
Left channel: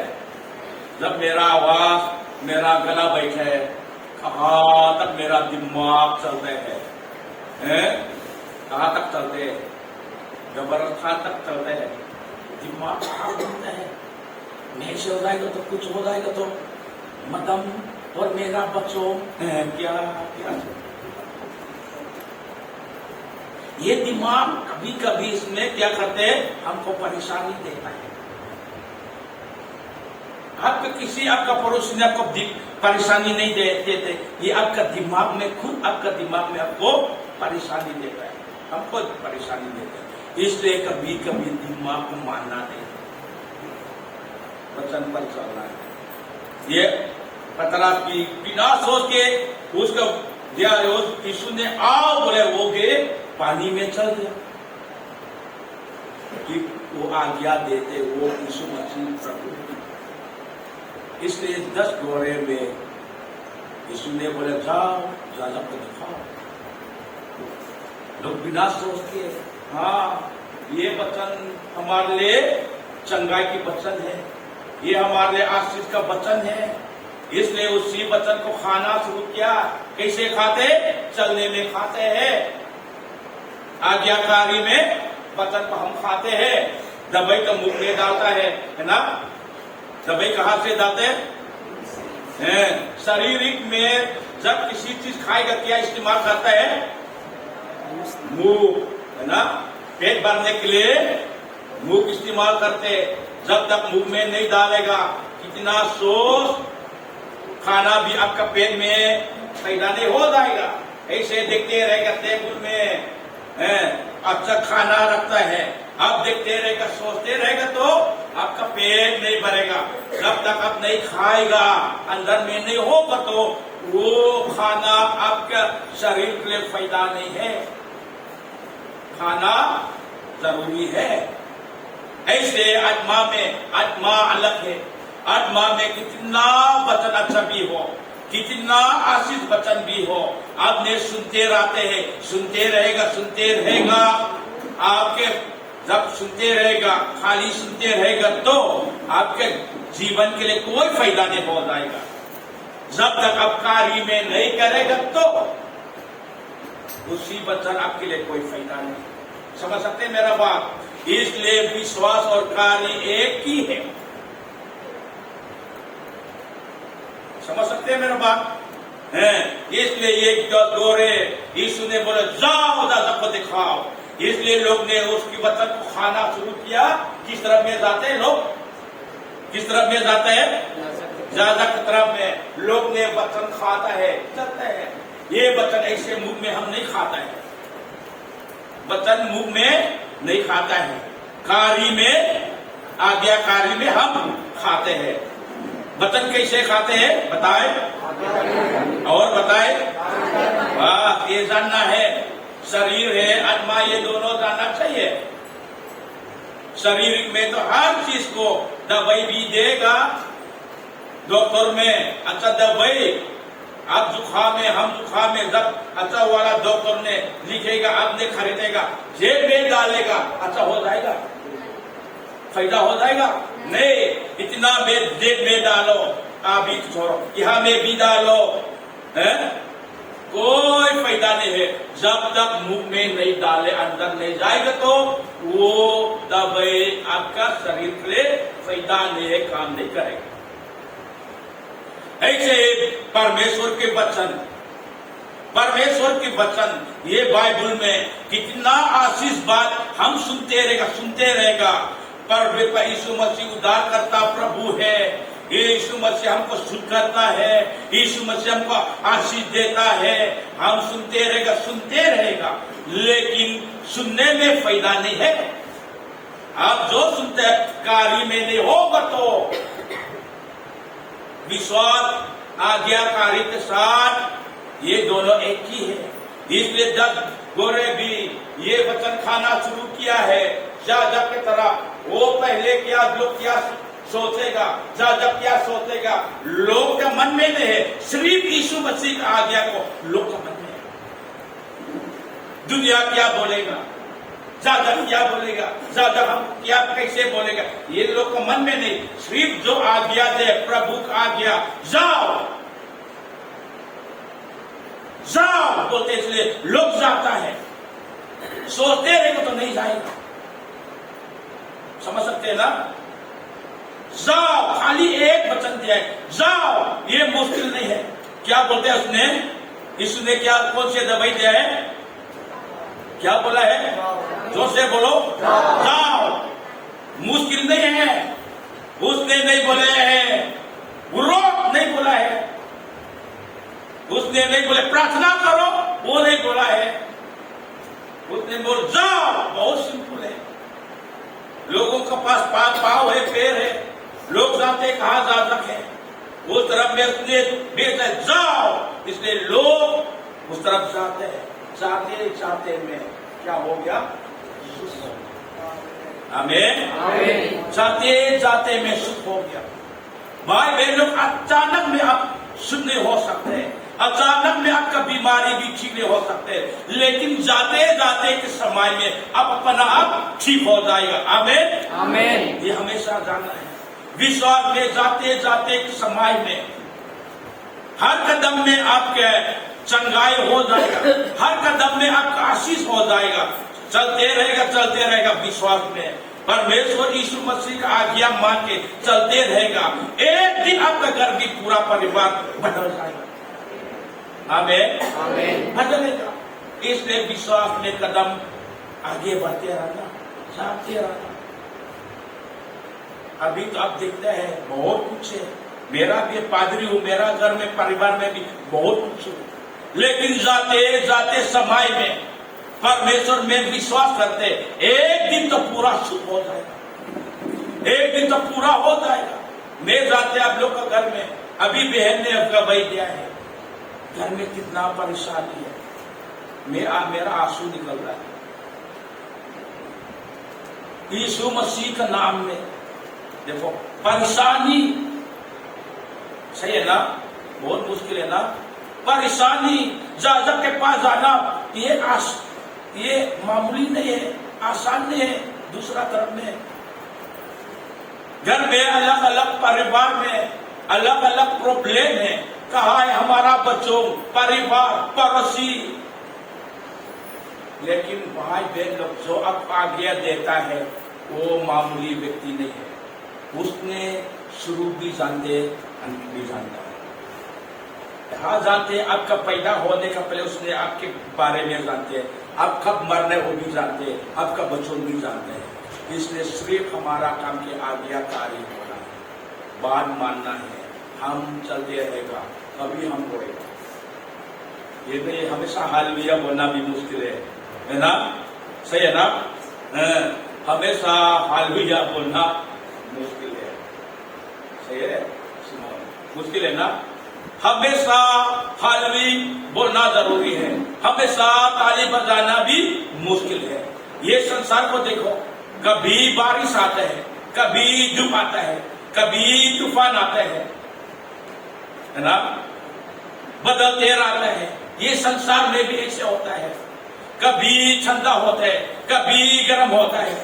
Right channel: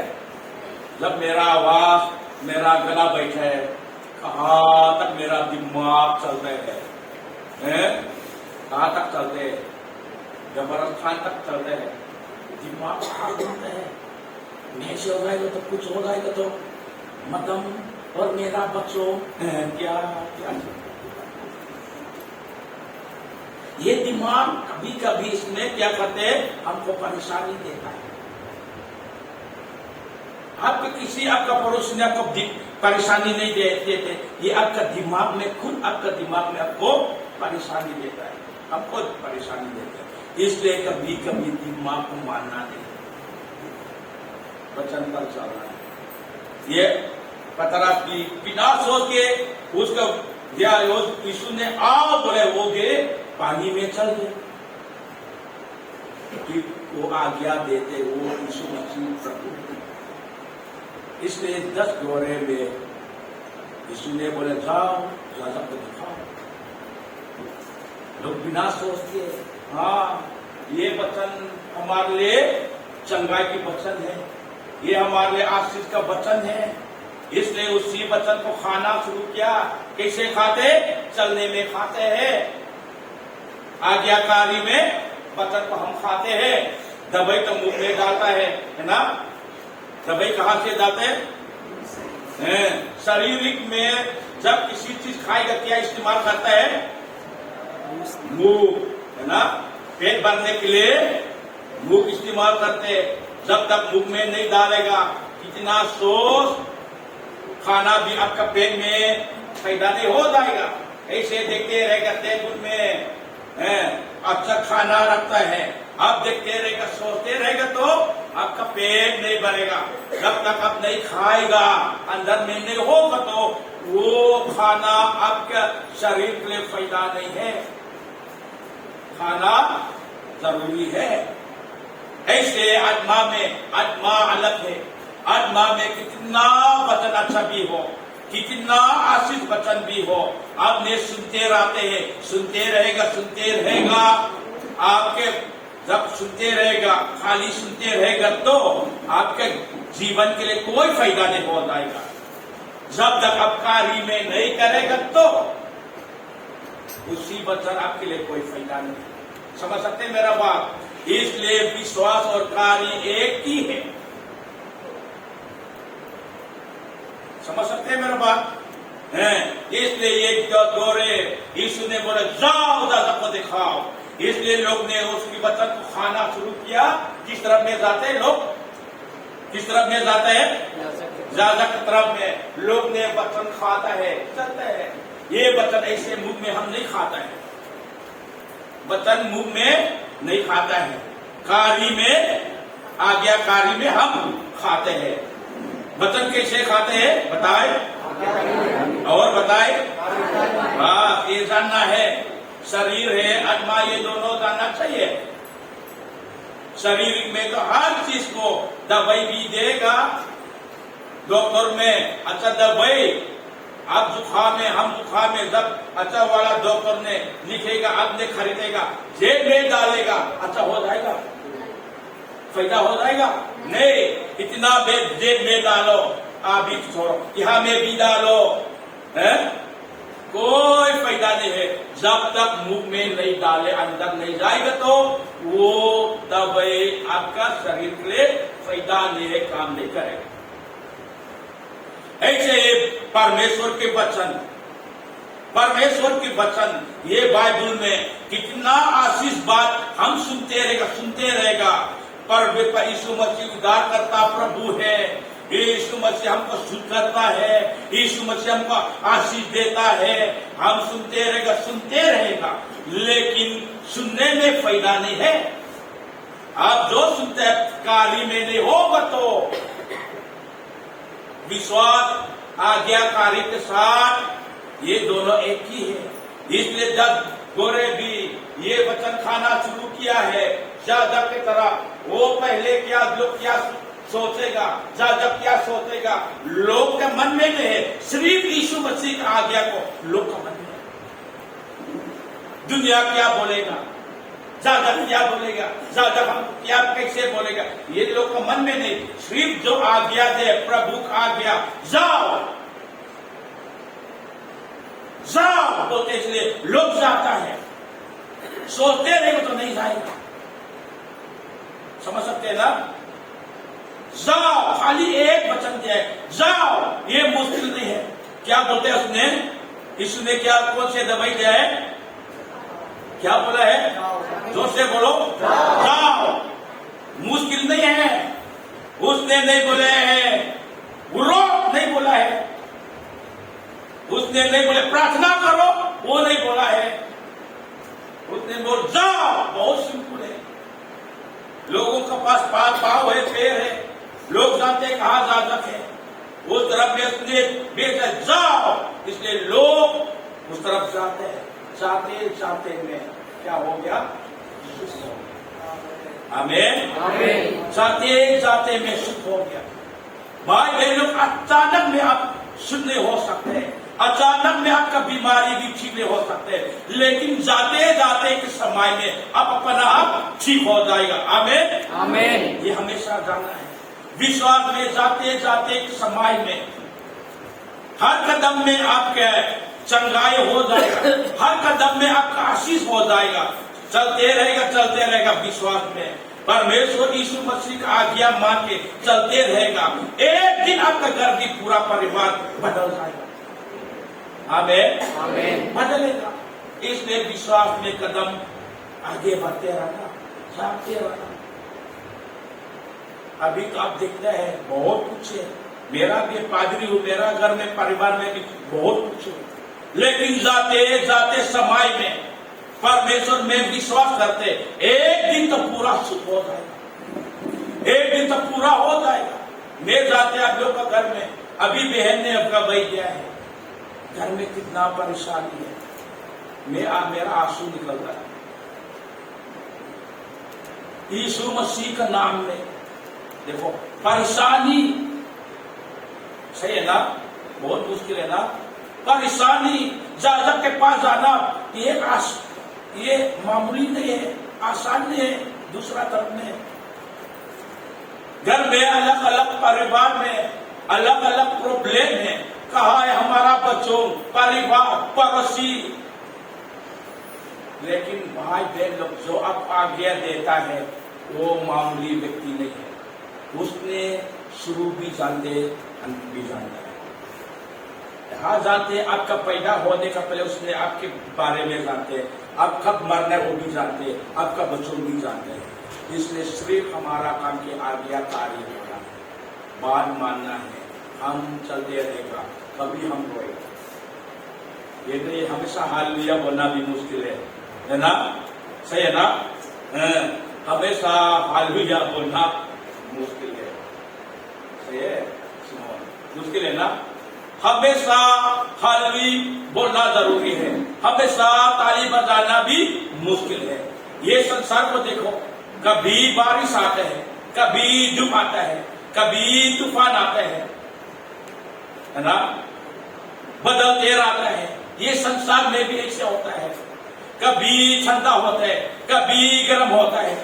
जब मेरा आवाज, मेरा गला बैठा है, कहाँ तक मेरा दिमाग चल रहे हैं, कहाँ तक चलते हैं, जबरदस्त कहाँ तक चलते हैं, दिमाग चलता है। मैं से हो जाएगा तो कुछ हो जाएगा तो मदम और मेरा बच्चों क्या क्या। ये दिमाग कभी कभी इसमें क्या करते हैं, हमको परेशानी देता है। आपके किसी आपका पड़ोसी ने आपको परेशानी नहीं देते, ये आपका दिमाग में, खुद आपका दिमाग में आपको परेशानी देता है, हमको परेशानी देता है। इसलिए कभी कभी दिमाग को मानना नहीं, वचन पर चलना है। ये पतरस की बिना सोच के उसका यीशु ने आओ बोले, वो गए पानी में चल गए। वो आज्ञा देते वो यीशु मसीह प्रभु। इसलिए 10 घोड़े में यीशु ने बोले जाओ, राजा को दिखाओ। लोग बिना सोच के, हाँ ये वचन हमारे लिए चंगाई की वचन है, ये हमारे लिए आशीष का वचन है, इसलिए उसी वचन को खाना शुरू किया। कैसे खाते, चलने में खाते हैं, आज्ञाकारी में वचन को हम खाते हैं। दवाई तो मुंह में डालता है ना, दवाई कहाँ से डालते हैं, शारीरिक में जब किसी चीज खाएगा क्या इस्तेमाल करता है, मुंह, है ना। पेट भरने के लिए मुंह इस्तेमाल करते, जब तक मुंह में नहीं डालेगा कितना सोच, खाना भी आपका पेट में फायदा नहीं हो जाएगा। ऐसे देखते रहेगा टेबल में अच्छा खाना रखता है, आप देखते रहेगा, सोचते रहेगा तो आपका पेट नहीं भरेगा। जब तक आप नहीं खाएगा, अंदर में नहीं होगा तो वो खाना आपका शरीर के लिए फायदा नहीं है। खाना जरूरी है। ऐसे आत्मा में, आत्मा अलग है, आत्मा में कितना वचन अच्छा भी हो, कितना आशीष वचन भी हो, आपने सुनते रहते हैं, सुनते रहेगा। आपके जब सुनते रहेगा, खाली सुनते रहेगा तो आपके जीवन के लिए कोई फायदा नहीं हो जाएगा। जब तक आप कार्य में नहीं करेगा तो उसी वचन आपके लिए कोई फायदा नहीं। समझ सकते हैं मेरा बात। इसलिए विश्वास और कार्य एक ही है। समझ सकते हैं मेरा बात है। इसलिए ये दौरे यीशु ने बोले जाओ, दादा को दिखाओ। इसलिए लोग ने उसकी वचन को खाना शुरू किया। किस तरफ में जाते हैं लोग, किस तरफ में जाते हैं, ज्यादा की तरफ में लोग ने वचन खाता है, चलते हैं। ये वचन ऐसे मुंह में हम नहीं खाता है, वचन मुंह में नहीं खाता है, कार्य में, आज्ञाकारी में हम खाते हैं। वचन कैसे खाते हैं बताए, और बताए, बस ये जानना है। शरीर है, आत्मा, ये दोनों जानना चाहिए। शरीर में तो हर चीज को दवाई भी देगा डॉक्टर में, अच्छा दवाई आप जुखाम है, हम जुखाम है, जब अच्छा वाला डॉक्टर ने लिखेगा, आपने खरीदेगा, जेब में डालेगा, अच्छा हो जाएगा, फायदा हो जाएगा? नहीं, इतना जेब में डालो, आप भी छोड़ो, यहाँ में भी डालो, है कोई फायदा नहीं है। जब तक मुंह में नहीं डाले, अंदर नहीं जाएगा तो वो दवाई आपका शरीर के लिए फायदा नहीं है, काम नहीं करेगा। ऐसे परमेश्वर के वचन ये बाइबल में कितना आशीष बात हम सुनते रहेगा। पर यीशु मसीह उद्धार करता प्रभु है, यीशु मसीह हमको सुख करता है, यीशु मसीह हमको आशीष देता है, हम सुनते रहेगा, लेकिन सुनने में फायदा नहीं है। आप जो सुनते हैं कार्य में नहीं होगा तो विश्वास आज्ञाकारी के साथ ये दोनों एक ही है। इसलिए जब गोरे भी ये वचन खाना शुरू किया है, जाजक की तरह, वो पहले क्या लोग क्या सोचेगा, जाजक क्या सोचेगा, लोग का मन में नहीं है, सिर्फ यीशु मसीह का आज्ञा को लोग का मन में है। दुनिया क्या बोलेगा, जाजक क्या बोलेगा, जाजक हम क्या कैसे बोलेगा, ये लोग का मन में नहीं, सिर्फ जो आज्ञा दे, प्रभु का आज्ञा, जाओ बोलते, इसलिए लोग जाता है। सोचते रहेगा तो नहीं जाएगा, समझ सकते हैं ना? जाओ, खाली एक वचन दिया है, जाओ, ये मुश्किल नहीं है। क्या बोलते हैं उसने, यीशु ने क्या कौन से दवाई दिया है, क्या बोला है, जो से बोलो जाओ। मुश्किल नहीं है, उसने नहीं बोले है, रोक नहीं बोला है, उसने नहीं बोले प्रार्थना करो, वो नहीं बोला है, उसने बोल जाओ। बहुत सिंपल है। लोगों के पास पाँव है, पैर है, लोग जानते कहां जाजक है, उस तरफ में उसने बेटा जाओ, इसलिए लोग उस तरफ जाते हैं। जाते में क्या हो गया, आमीन। जाते में सुख हो गया। भाई बहनों, अचानक में आप सुनने हो सकते हैं, अचानक में आपका बीमारी भी ठीक हो सकते हैं, लेकिन जाते के समय में आप अपना आप ठीक हो जाएगा। आमीन। ये हमेशा जाना है। विश्वास में जाते के समय में हर कदम में आपके चंगाई हो जाएगा, हर कदम में आपका आशीष हो जाएगा। चलते रहेगा विश्वास में, परमेश्वर यीशु मसीह का आज्ञा मान के चलते रहेगा। एक दिन आपका घर भी पूरा परिवार बदल जाएगा। आमीन। बदलेगा। इसलिए विश्वास में कदम आगे बढ़ते रहना, जाते रहना। अभी तो आप देखते हैं बहुत कुछ है, मेरा भी पादरी हूँ, मेरा घर में परिवार में भी बहुत कुछ है, लेकिन जाते समय में परमेश्वर में विश्वास करते, एक दिन तो पूरा सुख हो जाएगा, एक दिन तो पूरा हो जाएगा। मैं जाते आप लोग का घर में, अभी बहन ने अपना भाई दिया है, घर में कितना परेशानी है, मेरा आंसू निकल रहा है। यीशु मसीह का नाम में देखो, परेशानी सही है ना, बहुत मुश्किल है ना, परेशानी जाजक के पास जाना ये मामूली नहीं है, आसान नहीं है। दूसरा तरफ में घर में अलग अलग परिवार में अलग अलग प्रॉब्लम है, कहा है हमारा बच्चों, परिवार, पड़ोसी, लेकिन भाई बहन लोग जो अब आज्ञा देता है वो मामूली व्यक्ति नहीं है, उसने शुरू भी जानते अंत भी जानता है। कहा जानते आपका पैदा होने का पहले उसने आपके बारे में जानते, आप कब मरना है वो भी जानते, आपका बच्चों भी जानते हैं। इसलिए सिर्फ हमारा काम की आज्ञाकारी होना है, बात मानना है, हम चलते रहेगा, कभी हम होएगा। ये नहीं हमेशा हालेलुया बोलना भी मुश्किल है ना, सही है ना? हमेशा हालेलुया बोलना मुश्किल है, सही है, मुश्किल है ना? हमेशा हालेलुया बोलना जरूरी है, हमेशा ताली बजाना भी मुश्किल है। ये संसार को देखो, कभी बारिश आता है, कभी धूप आता है, कभी तूफान आता है ना? बदलते रहता है। ये संसार में भी ऐसे होता है, कभी ठंडा होता है, कभी गर्म होता है।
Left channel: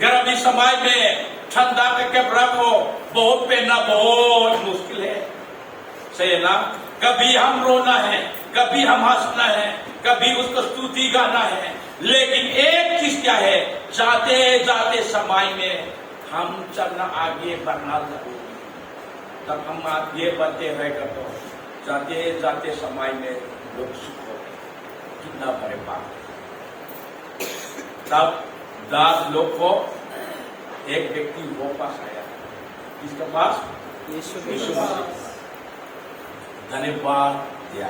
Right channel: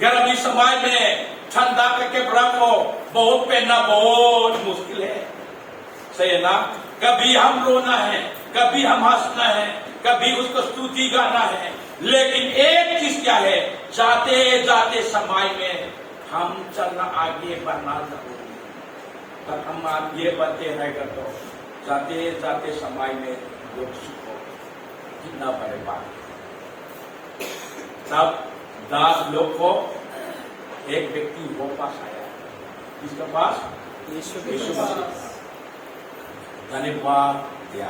गर्मी समय में ठंडा के कपड़ा को बहुत पहनना बहुत मुश्किल है, सही है ना। कभी हम रोना है, कभी हम हंसना है, कभी उसको स्तुति गाना है। लेकिन एक चीज क्या है, जाते जाते समय में हम चलना आगे बढ़ना जरूरी है। तब हम आगे बढ़ते रहेगा तो जाते जाते समय में लोग सुख हो, कितना बड़े बात। तब 10 लोग को एक व्यक्ति वो पास आया, किसके पास? यीशु धन्यवाद दिया।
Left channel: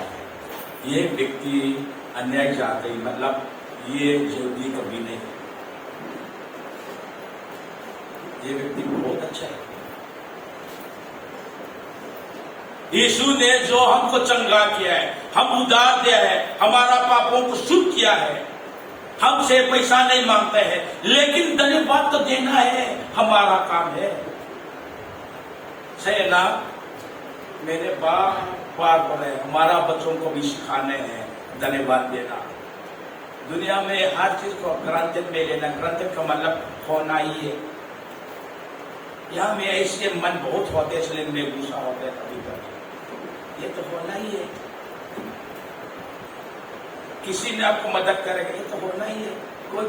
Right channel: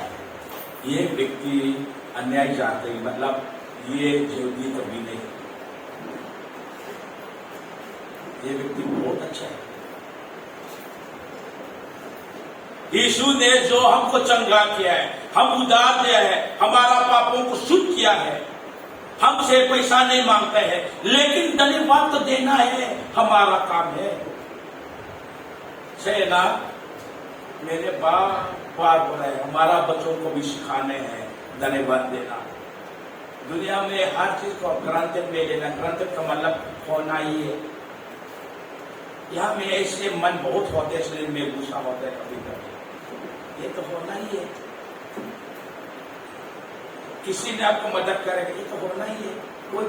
ये व्यक्ति अन्याय जाते, मतलब ये जल्दी कभी नहीं, ये व्यक्ति बहुत अच्छा है। यीशु ने जो हमको चंगा किया है, हम उदार दिया है, हमारा पापों को शुद्ध किया है, हमसे पैसा नहीं मांगते हैं, लेकिन धन्यवाद तो देना है, हमारा काम है, सही ना। मेरे बात बनाए, हमारा बच्चों को भी सिखाने हैं धन्यवाद देना। दुनिया में हर चीज को ग्रंथ में लेना, ग्रंथ का मतलब होना ही है। यहाँ में ऐसे मन बहुत होते, इसलिए में गुस्सा होता है कभी कभी, ये तो होना ही है। किसी ने आपको मदद करेगा, ये तो होना ही है। कोई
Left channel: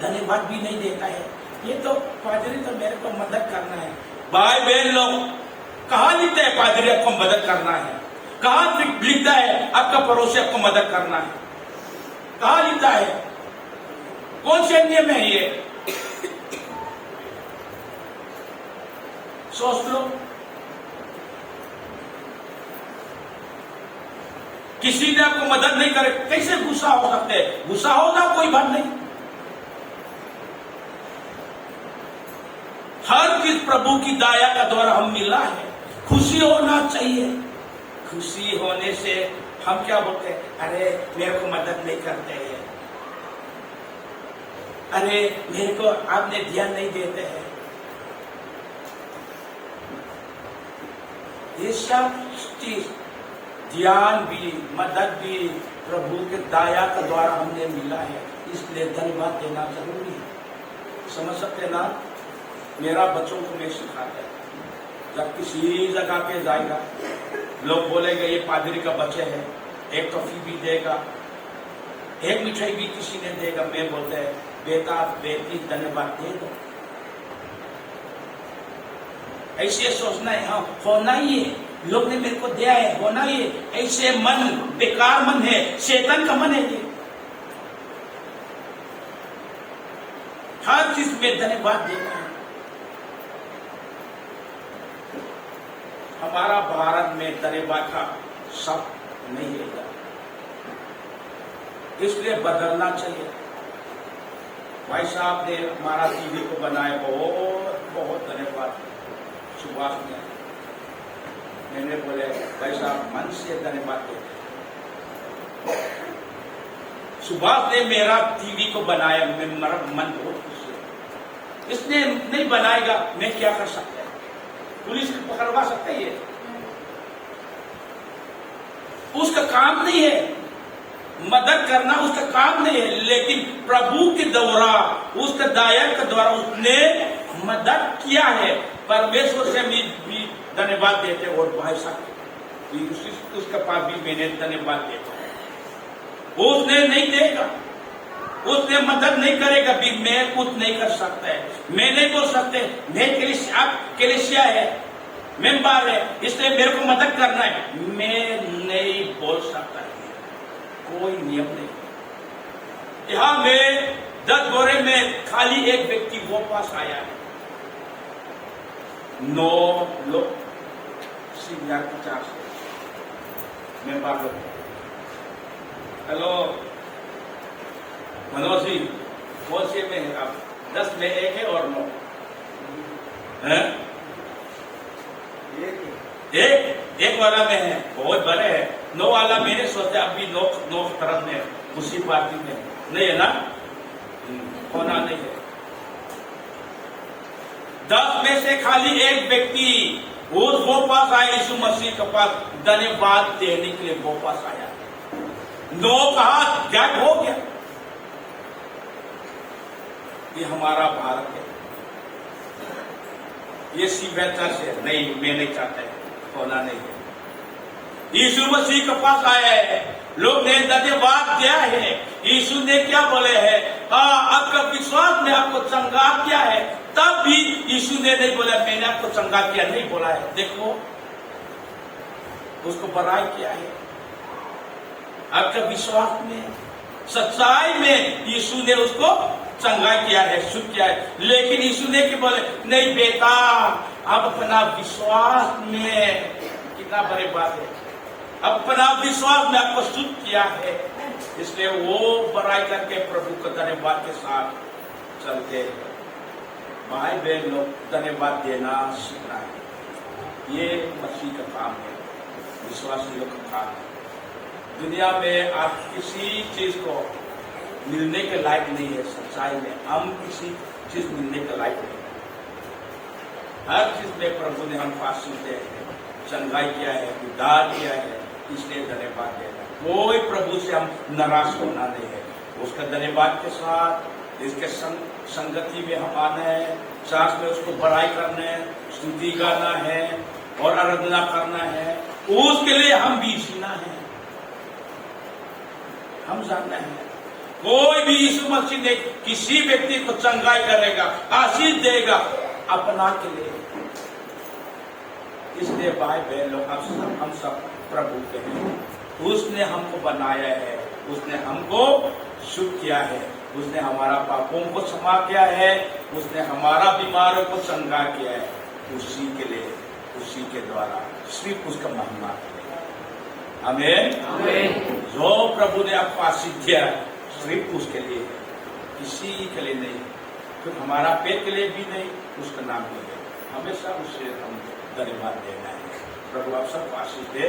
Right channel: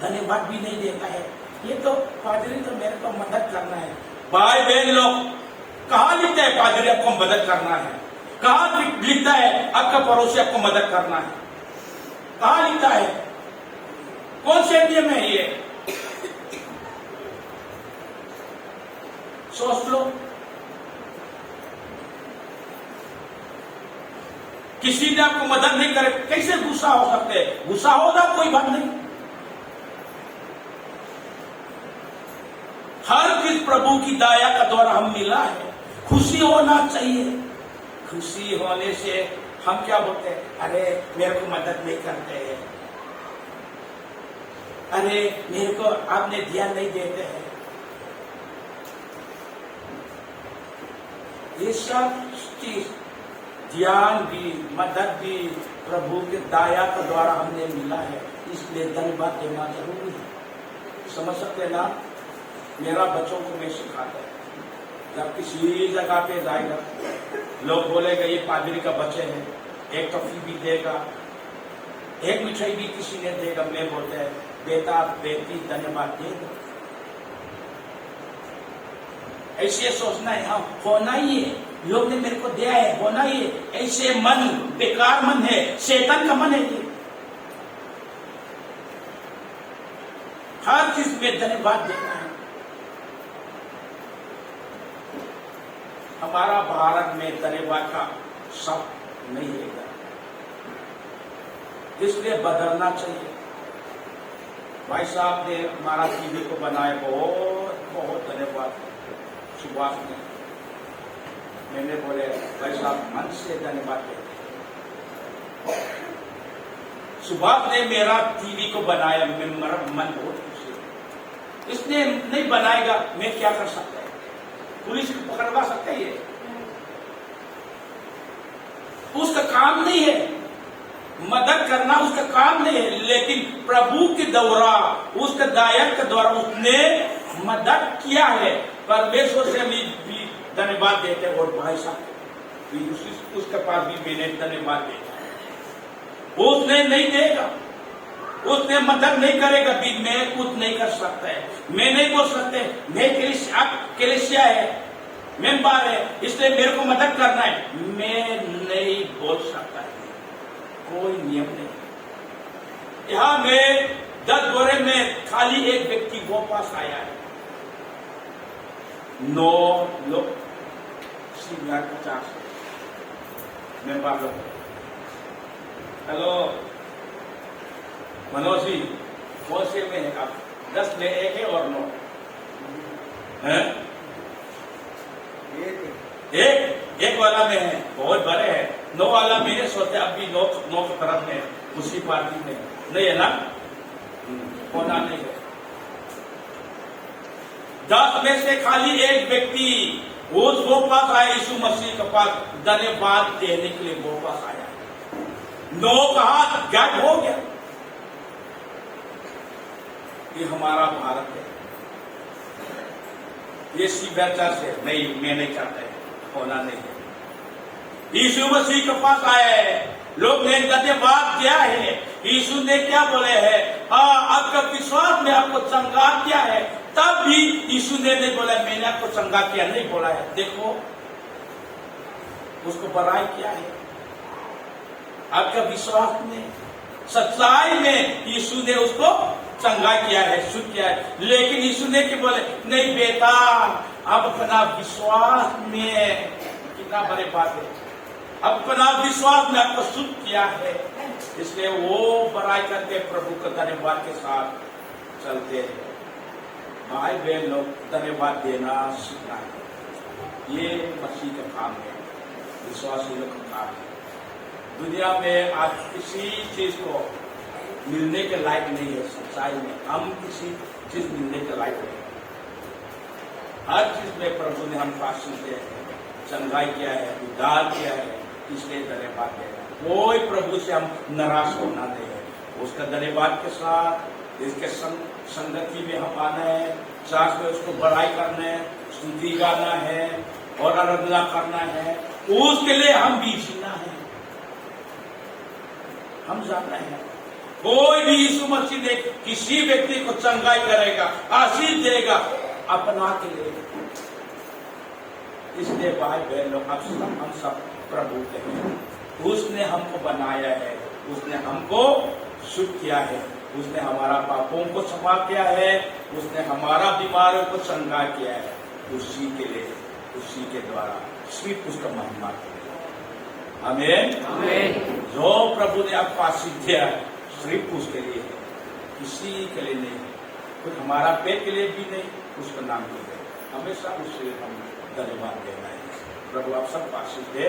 धन्यवाद भी नहीं देता है, ये तो पादरी तो मेरे को मदद करना है। भाई बहन लोग, कहाँ लिखता है पादरी आपको मदद करना है? कहाँ लिखता है आपका पड़ोसी आपको मदद करना है? कहाँ लिखता है? कौन से नियम है ये? सोच लो। किसी ने आपको मदद नहीं करे, कैसे गुस्सा हो सकते? गुस्सा होना कोई बात नहीं। हर चीज प्रभु की दया का द्वारा हम मिला है, खुशी होना चाहिए। खुशी होने से हम क्या बोलते हैं? अरे मेरे को मदद नहीं करते हैं, अरे मेरे को आपने ध्यान नहीं देते हैं। ये सब चीज, ध्यान भी, मदद भी प्रभु के दया के द्वारा हमने मिला है, इसलिए धन्यवाद देना जरूरी है। समझ सकते ना? मेरा बच्चों को मैं सिखाता है, जब किसी जगह पे जाएगा, लोग बोलेगा ये पादरी का बच्चे हैं, एक टॉफी भी देगा, एक मिठाई भी किसी ने देगा, मैं बोलते हैं बेटा बेटी धन्यवाद दे दो। ऐसे सोचना है, हाँ होना ही है, लोग ने मेरे को दिया है, होना ही है। ऐसे मन बेकार मन है, शैतान का मन है ये। हर चीज में धन्यवाद देना है। हमारा भारत में धन्यवाद का शब्द नहीं है, इसलिए बदलना चाहिए। भाई साहब ने हमारा टीवी को बनाया, बहुत बहुत धन्यवाद। सुभाष ने, मैंने बोले भाई साहब मन से धन्यवाद देते। सुभाष ने मेरा टीवी को बनाया, मेरा मन बहुत खुशी है। इसने नहीं बनाएगा, मैं क्या कर सकता है? पुलिस पकड़वा सकता है? ये उसका काम नहीं है, मदद करना उसका काम नहीं है, लेकिन प्रभु के द्वारा, उसके दया के द्वारा उसने मदद किया है। परमेश्वर से भी धन्यवाद देते हैं। और भाई साहब उसके पास भी मैंने धन्यवाद देता, उसने नहीं देगा, उसने मदद नहीं करेगा भी, मैं कुछ नहीं कर सकता है, मैं नहीं बोल सकते मैं कलीसिया है, मेंबर है, इसलिए मेरे को मदद करना है, मैं नहीं बोल सकता है। कोई नियम नहीं। यहां में 10 गोरे में खाली एक व्यक्ति वो पास आया है, 9 लोग, 50 मेंबर लोग। हेलो मनोज जी, कौन से में है आप? 10 में एक है और 9 है? एक वाला में है, बहुत बड़े है। 9 वाला मेरे सोचते अभी 9 की तरफ में, उसी पार्टी में नहीं है ना, होना नहीं है। 10 में से खाली एक व्यक्ति वो पास आया, यीशु मसीह के पास धन्यवाद देने के लिए वापस आया। 9 का गायब हो गया। ये हमारा भारत है। ये शिवता से नहीं, मैं नहीं चाहता होना नहीं है। यीशु मसीह के पास आया है, लोग ने धन्यवाद दिया है। यीशु ने क्या बोले है? हाँ, आपका विश्वास में आपको चंगा किया है। तब भी यीशु ने नहीं बोला मैंने आपको चंगा किया, नहीं बोला है। देखो, उसको बड़ाई किया है। आपका विश्वास में, सच्चाई में यीशु ने उसको चंगा किया है, शुद्ध किया है। लेकिन यीशु ने क्या बोले? नहीं बेटा, आप अपना विश्वास में, कितना बड़ी बात है, अपना विश्वास में आपको शुद्ध किया है, इसलिए वो बड़ाई करके प्रभु का धन्यवाद के साथ चलते रहे। भाई बहन लोग, धन्यवाद देना सीखना है। ये मसीह का काम है, विश्वासियों का काम है। दुनिया में आप किसी चीज को मिलने के लायक नहीं है। सच्चाई में हम किसी चीज मिलने के लायक नहीं। हर चीज में प्रभु ने हम पास सुनते हैं, चंगाई किया है, उद्धार किया है, इसलिए धन्यवाद देना। कोई प्रभु से हम नाराज होना नहीं है। उसका धन्यवाद के साथ इसके संगति में हम आना है, चार्च में उसको बड़ाई करना है, स्तुति गाना है और आराधना करना है। उसके लिए हम भी जीना है। हम जानना है कोई भी यीशु मसीह ने किसी व्यक्ति को चंगाई करेगा, आशीष देगा अपना के लिए। इसलिए भाई बहन लोग, हम सब प्रभु के हैं। उसने हमको बनाया है, उसने हमको शुद्ध किया है, उसने हमारा पापों को क्षमा किया है, उसने हमारा बीमारों को चंगा किया है। उसी के लिए, उसी के द्वारा, सिर्फ उसका महिमा के लिए। आमीन, आमीन। जो प्रभु ने आपको आशीष दिया सिर्फ उसके लिए, किसी के लिए नहीं, फिर हमारा पेट के लिए भी नहीं, उसका नाम के लिए। हमेशा उससे हम धन्यवाद देना है। प्रभु आप सबको आशीष दे।